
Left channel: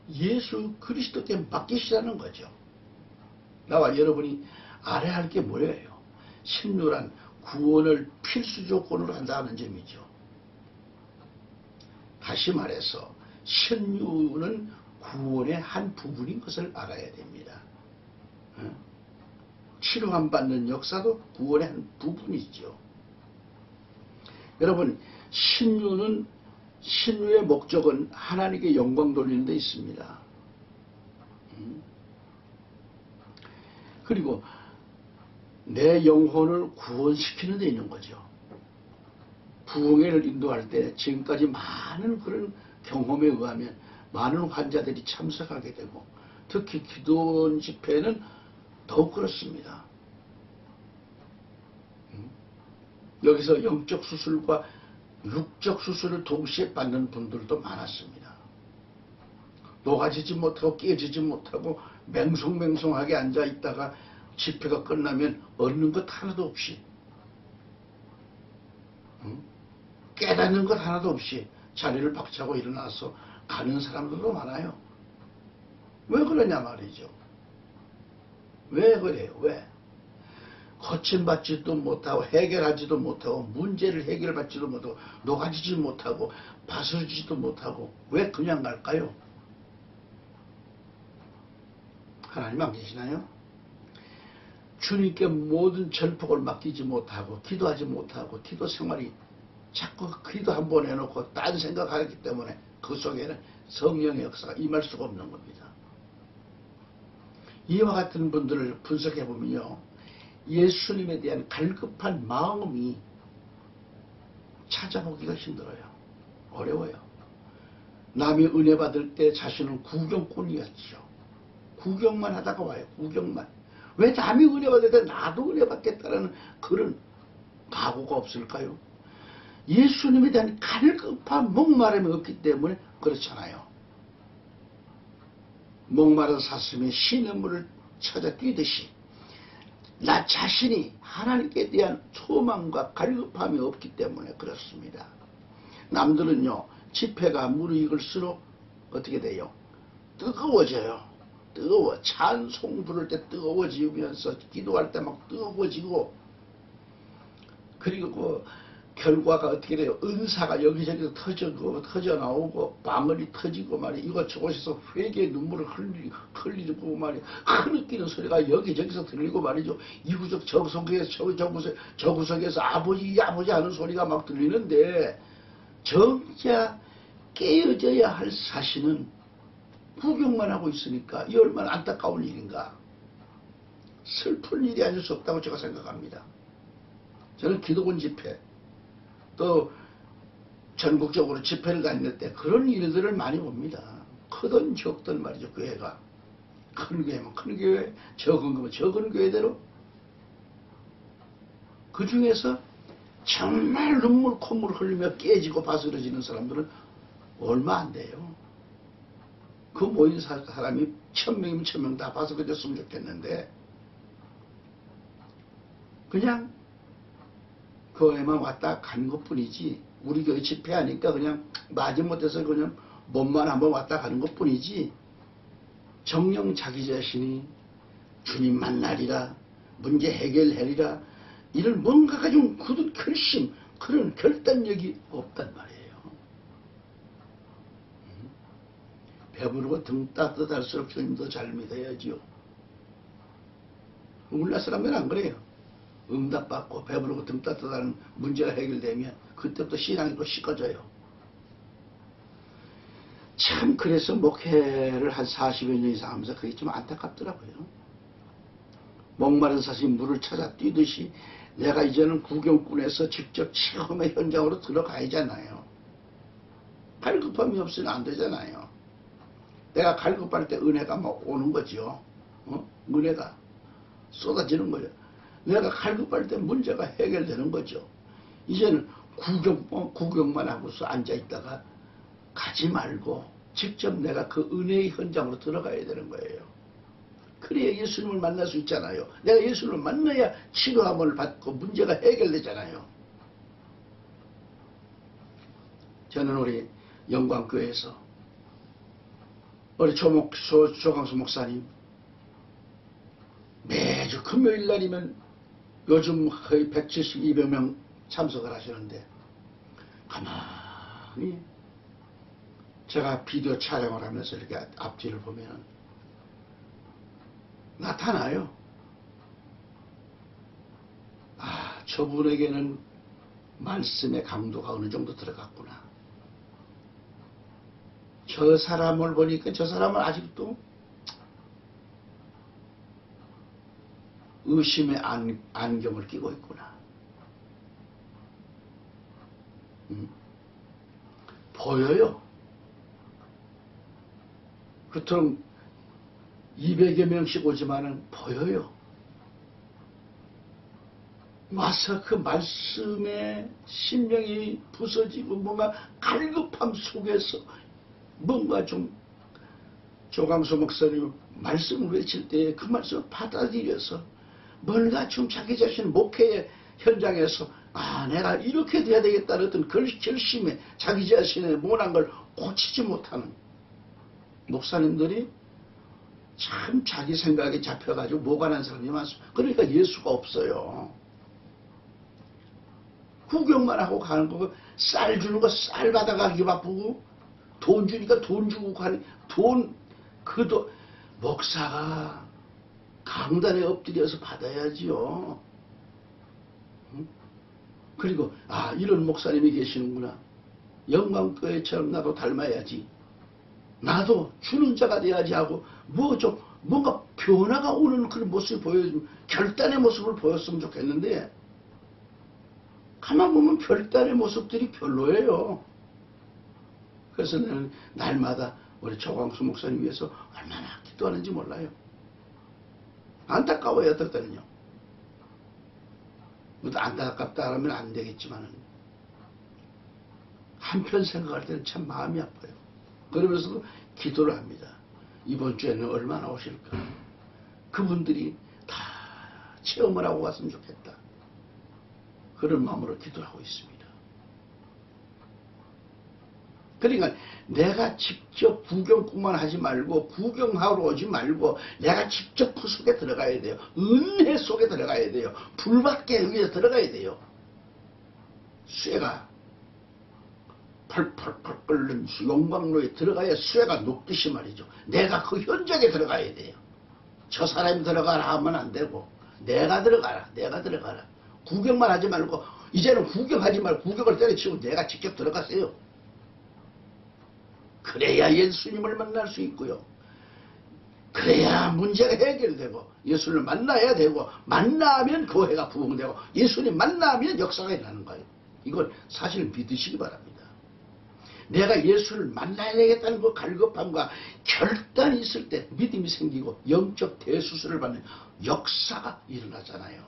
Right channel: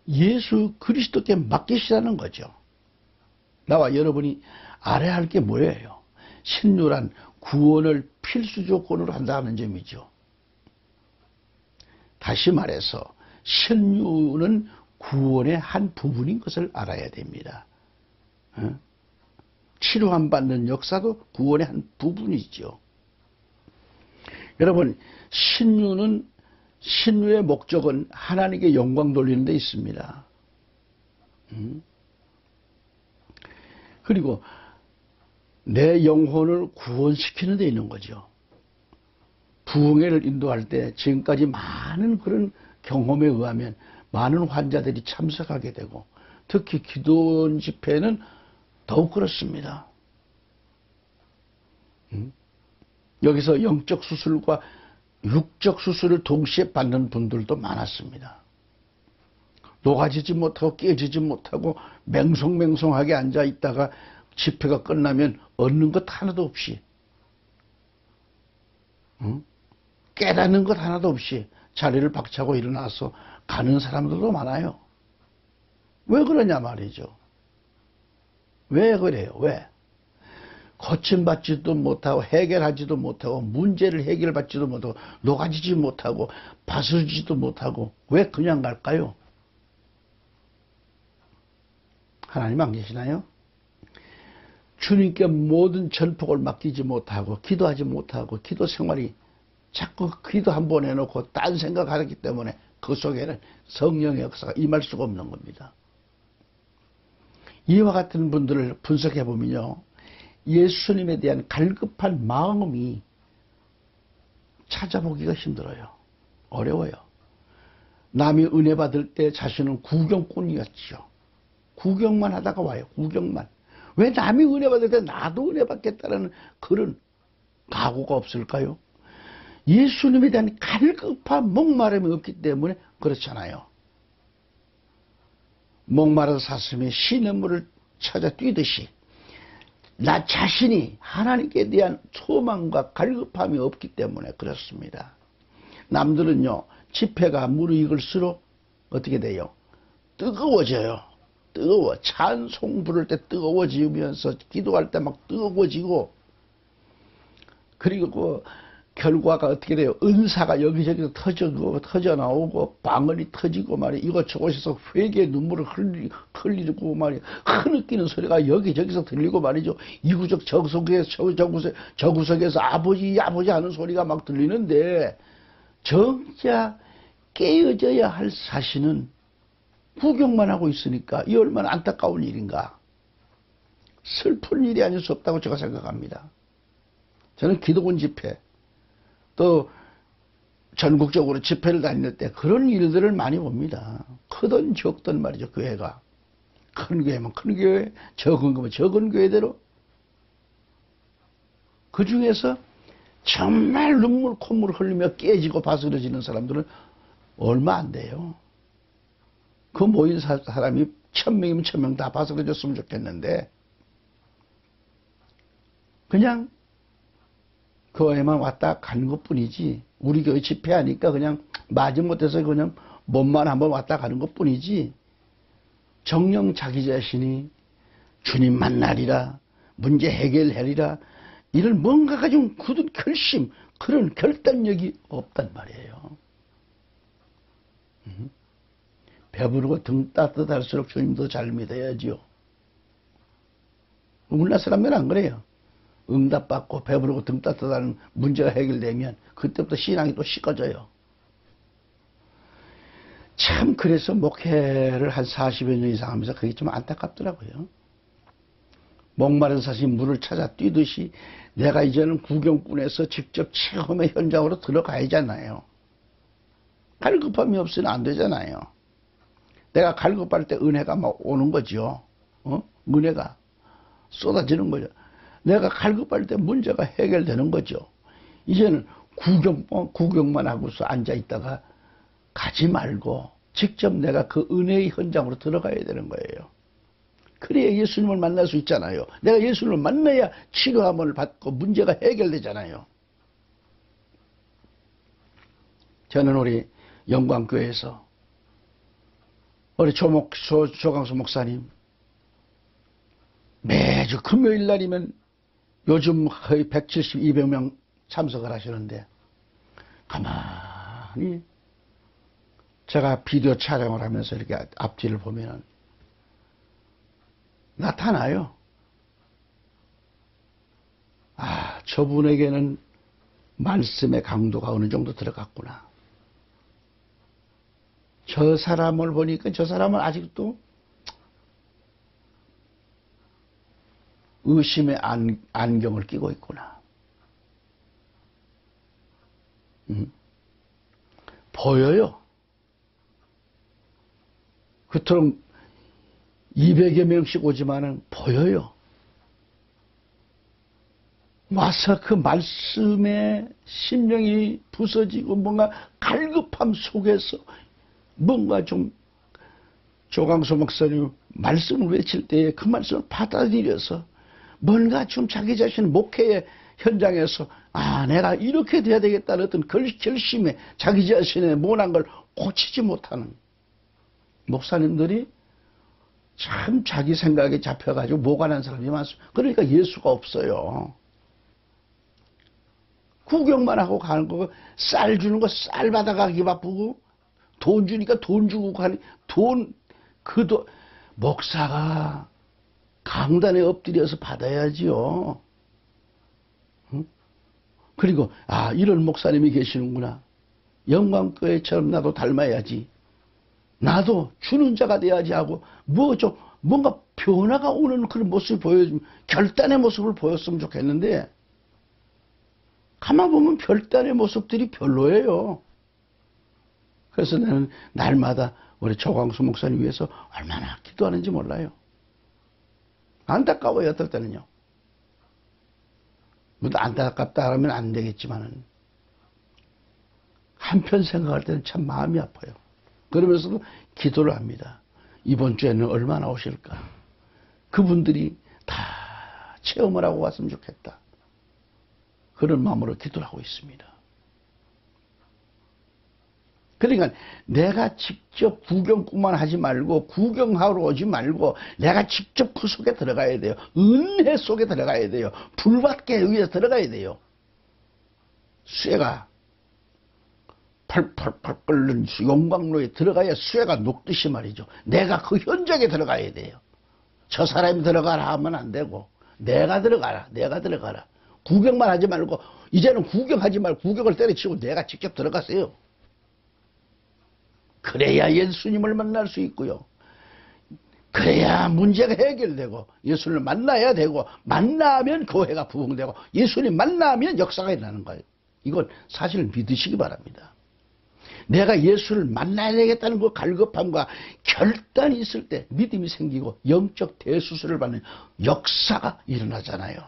예수 그리스도께 맡기시라는 거죠. 나와 여러분이 알아야 할 게 뭐예요? 신유란 구원을 필수 조건으로 한다는 점이죠. 다시 말해서 신유는 구원의 한 부분인 것을 알아야 됩니다. 치료함 받는 역사도 구원의 한 부분이죠. 여러분, 신유의 목적은 하나님께 영광 돌리는 데 있습니다. 그리고 내 영혼을 구원시키는 데 있는 거죠. 부흥회를 인도할 때 지금까지 많은 그런 경험에 의하면 많은 환자들이 참석하게 되고 특히 기도원 집회는 더욱 그렇습니다. 여기서 영적 수술과 육적 수술을 동시에 받는 분들도 많았습니다. 녹아지지 못하고 깨지지 못하고 맹송맹송하게 앉아 있다가 집회가 끝나면 얻는 것 하나도 없이 깨닫는 것 하나도 없이 자리를 박차고 일어나서 가는 사람들도 많아요. 왜 그러냐 말이죠. 왜 그래요? 왜? 고침받지도 못하고 해결하지도 못하고 문제를 해결받지도 못하고 녹아지지 못하고 바스지도 못하고 왜 그냥 갈까요? 하나님 안 계시나요? 주님께 모든 전폭을 맡기지 못하고 기도하지 못하고 기도 생활이 자꾸 기도 한 번 해놓고 딴 생각하기 때문에 그 속에는 성령의 역사가 임할 수가 없는 겁니다. 이와 같은 분들을 분석해 보면요, 예수님에 대한 갈급한 마음이 찾아보기가 힘들어요. 어려워요. 남이 은혜 받을 때 자신은 구경꾼이었죠. 구경만 하다가 와요. 구경만. 왜 남이 은혜 받을 때 나도 은혜 받겠다는 그런 각오가 없을까요? 예수님에 대한 갈급한 목마름이 없기 때문에 그렇잖아요. 목마른 사슴이 시냇물을 찾아 뛰듯이 나 자신이 하나님께 대한 소망과 갈급함이 없기 때문에 그렇습니다. 남들은요, 집회가 무르익을수록 어떻게 돼요? 뜨거워져요. 뜨거워. 찬송 부를 때 뜨거워지면서 기도할 때 막 뜨거워지고, 그리고 결과가 어떻게 돼요? 은사가 여기저기서 터져 나오고 방언이 터지고 말이야. 이곳저곳에서 회개의 눈물을 흘리고 말이야. 흐느끼는 소리가 여기저기서 들리고 말이죠. 이구석 저구석에서 아버지 하는 소리가 막 들리는데 정작 깨어져야 할 자신은 구경만 하고 있으니까 이 얼마나 안타까운 일인가. 슬픈 일이 아닐 수 없다고 제가 생각합니다. 저는 기도원 집회 또 전국적으로 집회를 다닐 때 그런 일들을 많이 봅니다. 크든 적든 말이죠. 교회가 큰 교회면 큰 교회, 적은 교회면 적은 교회대로 그 중에서 정말 눈물 콧물 흘리며 깨지고 바스러지는 사람들은 얼마 안 돼요. 그 모인 사람이 1000명이면 1000명 다 바스러졌으면 좋겠는데 그냥 교회만 왔다 가는 것 뿐이지 우리 교회 집회하니까 그냥 마지못해서 그냥 몸만 한번 왔다 가는 것 뿐이지, 정녕 자기 자신이 주님 만나리라, 문제 해결하리라, 이런 뭔가가 좀 굳은 결심, 그런 결단력이 없단 말이에요. 배부르고 등 따뜻할수록 주님도 잘 믿어야지요. 우리나라 사람들은 안 그래요. 응답받고 배부르고 등 따뜻한 문제가 해결되면 그때부터 신앙이 또 식어져요. 참 그래서 목회를 한 40여 년 이상 하면서 그게 좀 안타깝더라고요. 목마른 사슴이 물을 찾아 뛰듯이 내가 이제는 구경꾼에서 직접 체험의 현장으로 들어가야 하잖아요. 갈급함이 없으면 안 되잖아요. 내가 갈급할 때 은혜가 막 오는 거죠. 은혜가 쏟아지는 거죠. 내가 갈급할 때 문제가 해결되는 거죠. 이제는 구경만 하고서 앉아있다가 가지 말고 직접 내가 그 은혜의 현장으로 들어가야 되는 거예요. 그래야 예수님을 만날 수 있잖아요. 내가 예수님을 만나야 치료함을 받고 문제가 해결되잖아요. 저는 우리 영광교회에서 우리 조강수 목사님 매주 금요일 날이면 요즘 거의 170, 200명 참석을 하시는데, 가만히 제가 비디오 촬영을 하면서 이렇게 앞뒤를 보면 나타나요. 아, 저분에게는 말씀의 강도가 어느 정도 들어갔구나. 저 사람을 보니까 저 사람은 아직도 의심의 안경을 끼고 있구나. 보여요. 그토록 200여 명씩 오지만은 보여요. 와서 그 말씀에 심령이 부서지고 뭔가 갈급함 속에서 뭔가 좀 조강수 목사님 말씀을 외칠 때에 그 말씀을 받아들여서 뭔가 좀 자기 자신 목회의 현장에서 내가 이렇게 돼야 되겠다는 어떤 결심에 자기 자신의 모난 걸 고치지 못하는 목사님들이 참 자기 생각에 잡혀가지고 모관한 사람이 많습니다. 그러니까 예수가 없어요. 구경만 하고 가는 거, 쌀 주는 거 쌀 받아가기 바쁘고, 돈 주니까 돈 주고 가는, 목사가 강단에 엎드려서 받아야지요. 응? 그리고, 이런 목사님이 계시는구나. 영광교회처럼 나도 닮아야지. 나도 주는 자가 돼야지 하고, 뭔가 변화가 오는 그런 모습을 보여주면, 결단의 모습을 보였으면 좋겠는데, 가만 보면 결단의 모습들이 별로예요. 그래서 나는 날마다 우리 조광수 목사님 위해서 얼마나 기도하는지 몰라요. 안타까워요, 어떨 때는요. 안타깝다 하면 안 되겠지만은, 한편 생각할 때는 참 마음이 아파요. 그러면서도 기도를 합니다. 이번 주에는 얼마나 오실까? 그분들이 다 체험을 하고 갔으면 좋겠다. 그런 마음으로 기도를 하고 있습니다. 그러니까 내가 직접 구경꾼만 하지 말고, 구경하러 오지 말고 내가 직접 그 속에 들어가야 돼요. 은혜 속에 들어가야 돼요. 불밖에 위에서 들어가야 돼요. 쇠가 펄펄펄 끓는 용광로에 들어가야 쇠가 녹듯이 말이죠. 내가 그 현장에 들어가야 돼요. 저 사람이 들어가라 하면 안 되고, 내가 들어가라. 구경만 하지 말고, 이제는 구경하지 말고 구경을 때려치고 내가 직접 들어가세요. 그래야 예수님을 만날 수 있고요. 그래야 문제가 해결되고, 예수님을 만나야 되고, 만나면 교회가 부흥되고, 예수님 만나면 역사가 일어나는 거예요. 이건 사실 믿으시기 바랍니다. 내가 예수를 만나야 되겠다는 그 갈급함과 결단이 있을 때 믿음이 생기고 영적 대수술을 받는 역사가 일어나잖아요.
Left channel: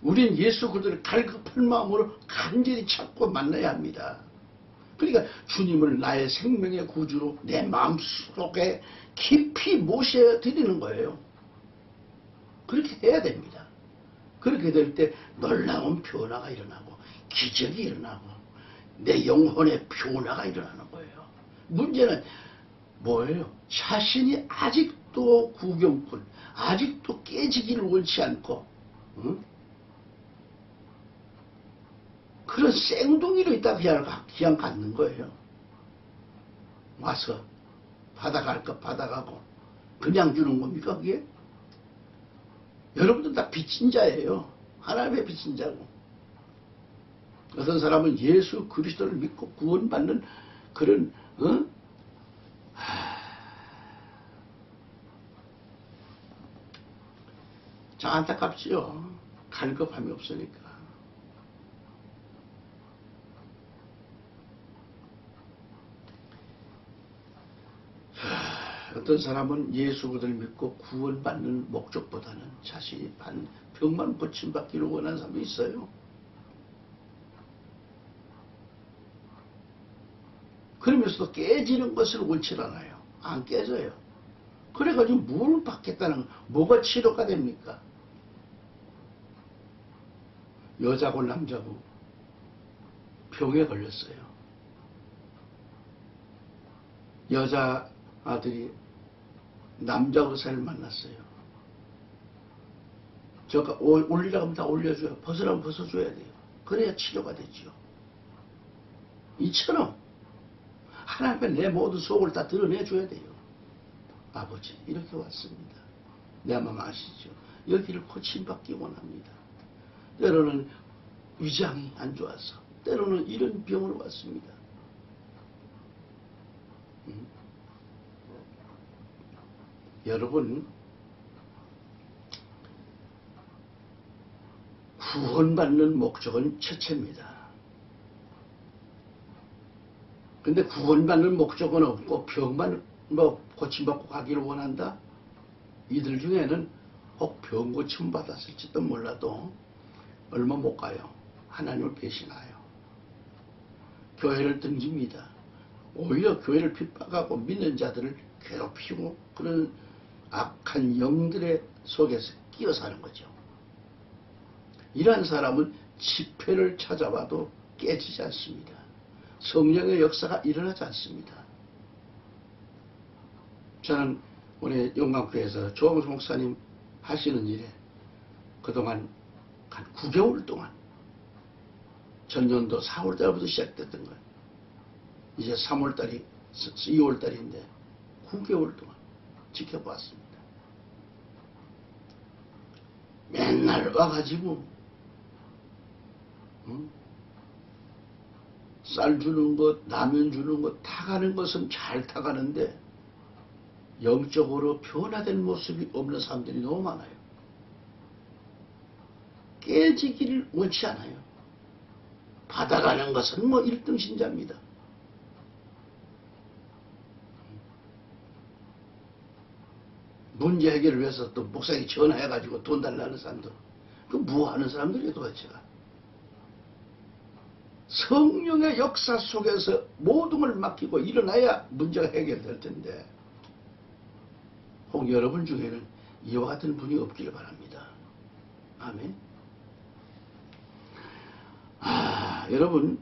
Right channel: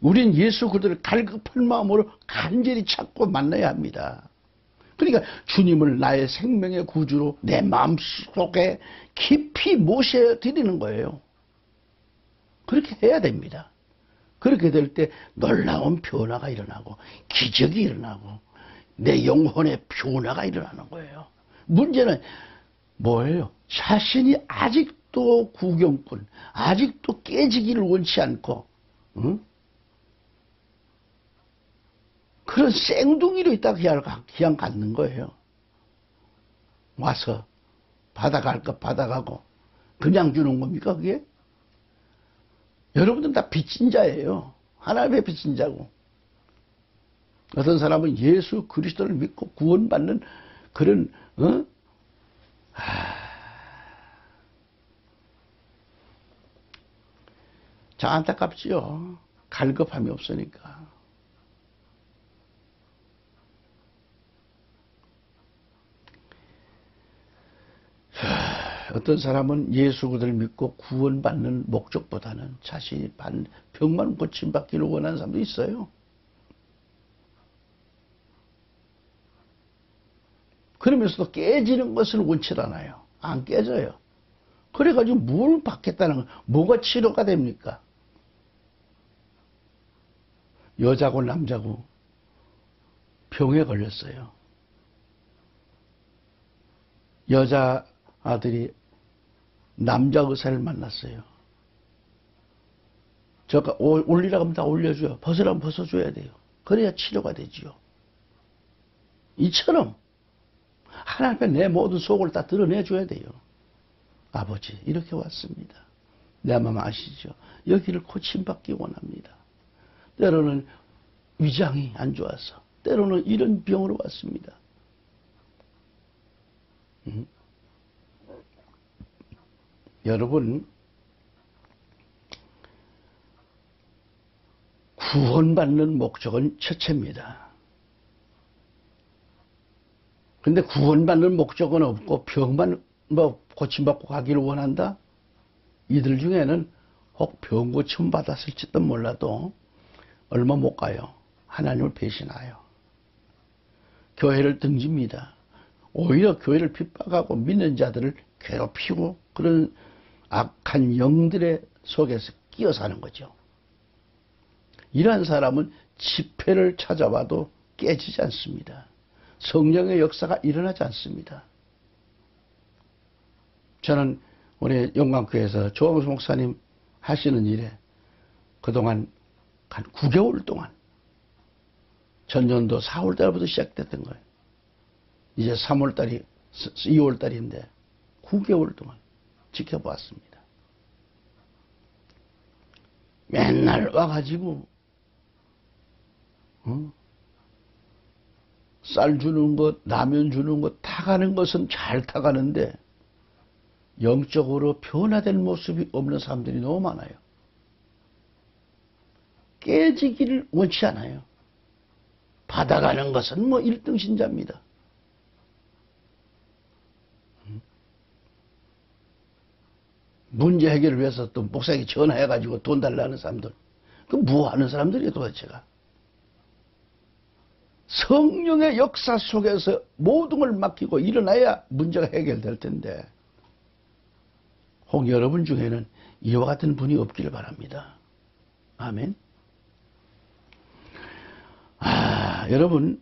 우린 예수 그리스도를 갈급한 마음으로 간절히 찾고 만나야 합니다. 그러니까 주님을 나의 생명의 구주로 내 마음속에 깊이 모셔드리는 거예요. 그렇게 해야 됩니다. 그렇게 될 때 놀라운 변화가 일어나고 기적이 일어나고 내 영혼의 변화가 일어나는 거예요. 문제는 뭐예요? 자신이 아직도 구경꾼, 아직도 깨지기를 원치 않고, 응? 그런 생둥이로 있다가 그냥 갖는 거예요. 와서 받아갈 것 받아가고 그냥 주는 겁니까 그게? 여러분들 다 빚진 자예요. 하나님의 빚진 자고. 어떤 사람은 예수 그리스도를 믿고 구원받는 그런 자, 안타깝지요. 갈급함이 없으니까. 어떤 사람은 예수 그리스도를 믿고 구원받는 목적보다는 자신이 병만 고침받기를 원하는 사람도 있어요. 그러면서도 깨지는 것을 원치 않아요. 안 깨져요. 그래가지고 뭘 받겠다는 뭐가 치료가 됩니까? 여자고 남자고 병에 걸렸어요. 여자 아들이 남자 의사를 만났어요. 저가 올리라고 하면 다 올려줘요. 벗으라면 벗어줘야 돼요. 그래야 치료가 되지요. 이처럼 하나님께 내 모든 속을 다 드러내줘야 돼요. 아버지 이렇게 왔습니다. 내 마음 아시죠? 여기를 고침받기 원합니다. 때로는 위장이 안 좋아서 때로는 이런 병으로 왔습니다. 여러분 구원받는 목적은 첫째입니다. 근데 구원받는 목적은 없고 병만 고침받고 가기를 원한다? 이들 중에는 혹 병 고침 받았을지도 몰라도 얼마 못 가요. 하나님을 배신하여 교회를 등집니다. 오히려 교회를 핍박하고 믿는 자들을 괴롭히고 그런 악한 영들의 속에서 끼어 사는 거죠. 이러한 사람은 집회를 찾아와도 깨지지 않습니다. 성령의 역사가 일어나지 않습니다. 저는 우리 영광교회에서 조홍수 목사님 하시는 일에 그동안 한 9개월 동안 전년도 4월달부터 시작됐던 거예요. 이제 3월달이 2월달인데 9개월 동안 지켜보았습니다. 맨날 와가지고 쌀 주는 것, 라면 주는 것, 타가는 것은 잘 타가는데 영적으로 변화된 모습이 없는 사람들이 너무 많아요. 깨지기를 원치 않아요. 받아가는 것은 뭐 1등 신자입니다. 문제 해결을 위해서 또 목사에게 전화해가지고 돈 달라는 사람들. 그 뭐 하는 사람들이에요 도대체가. 성령의 역사 속에서 모든 걸 맡기고 일어나야 문제가 해결될 텐데 혹 여러분 중에는 이와 같은 분이 없기를 바랍니다. 아멘. 여러분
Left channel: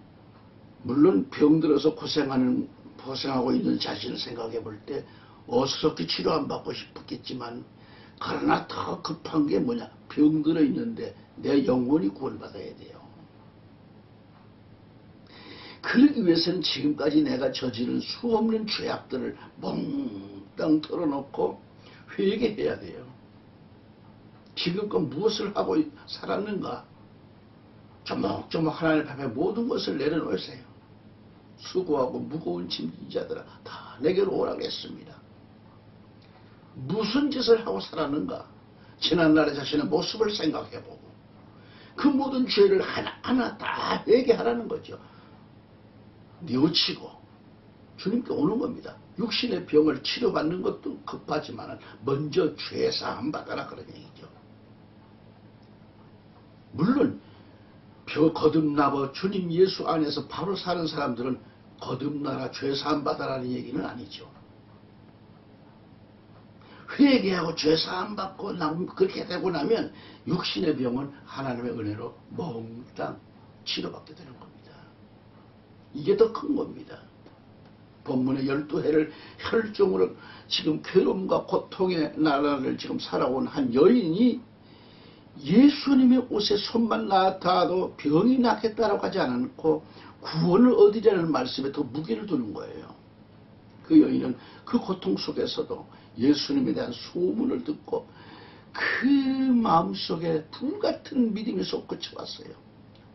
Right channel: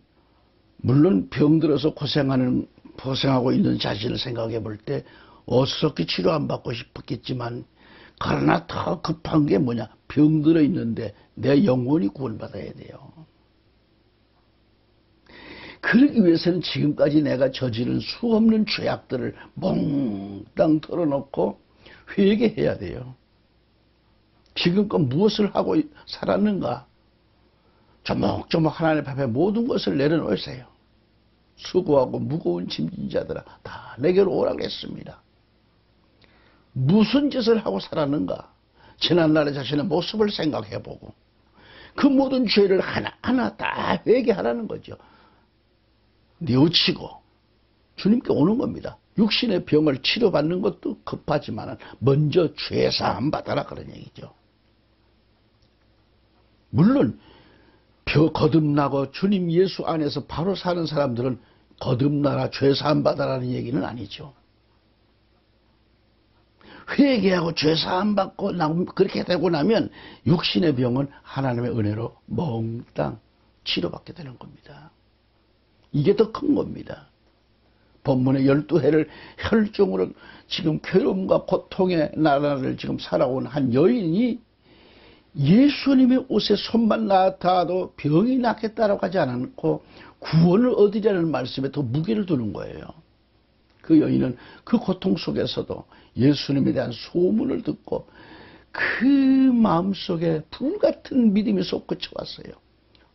물론 병들어서 고생하고 있는 자신을 생각해 볼 때 어수선히 치료 안 받고 싶었겠지만 그러나 더 급한 게 뭐냐? 병들어 있는데 내 영혼이 구원받아야 돼요. 그러기 위해서는 지금까지 내가 저지른 수없는 죄악들을 몽땅 털어놓고 회개해야 돼요. 지금껏 무엇을 하고 살았는가? 조목조목 하나님 앞에 모든 것을 내려놓으세요. 수고하고 무거운 짐진 자들아 다 내게로 오라고 했습니다. 무슨 짓을 하고 살았는가? 지난날의 자신의 모습을 생각해보고 그 모든 죄를 하나하나 다 회개하라는 거죠. 뉘우치고 주님께 오는 겁니다. 육신의 병을 치료받는 것도 급하지만 먼저 죄사함 받아라 그런 얘기죠. 물론 거듭나고 주님 예수 안에서 바로 사는 사람들은 거듭나라 죄사함 받아라는 얘기는 아니죠. 회개하고 죄사함 받고 그렇게 되고 나면 육신의 병은 하나님의 은혜로 몽땅 치료받게 되는 겁니다. 이게 더 큰 겁니다. 본문의 12해를 혈종으로 지금 괴로움과 고통의 나라를 지금 살아온 한 여인이 예수님의 옷에 손만 닿아도 병이 낫겠다라고 하지 않고 구원을 얻으려는 말씀에 더 무게를 두는 거예요. 그 여인은 그 고통 속에서도 예수님에 대한 소문을 듣고 그 마음속에 불같은 믿음이 솟구쳐 왔어요.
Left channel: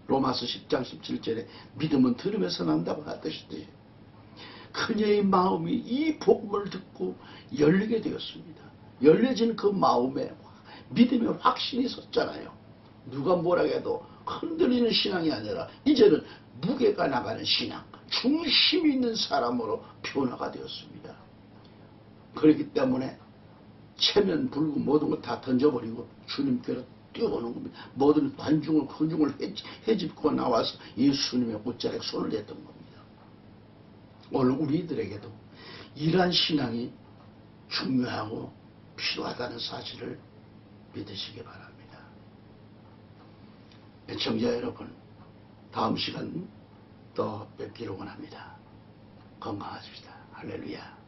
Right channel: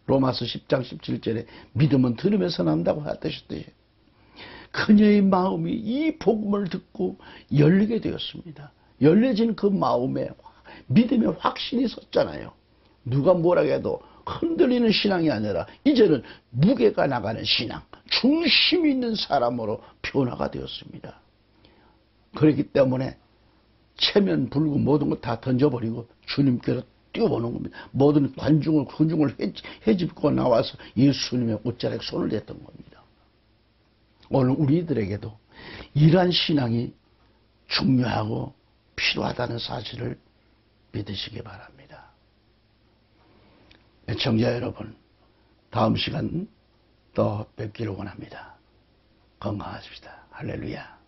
로마서 10장 17절에 믿음은 들으면서 난다고 하듯이 그녀의 마음이 이 복음을 듣고 열리게 되었습니다. 열려진 그 마음에 믿음의 확신이 섰잖아요. 누가 뭐라 해도 흔들리는 신앙이 아니라 이제는 무게가 나가는 신앙, 중심 있는 사람으로 변화가 되었습니다. 그렇기 때문에 체면 불구 모든 것 다 던져버리고 주님께로 뛰어오는 겁니다. 모든 관중을 헤집고 나와서 예수님의 옷자락에 손을 댔던 겁니다. 오늘 우리들에게도 이러한 신앙이 중요하고 필요하다는 사실을 믿으시기 바랍니다. 애청자 여러분, 다음 시간 또 뵙기를 원합니다. 건강하십시다. 할렐루야.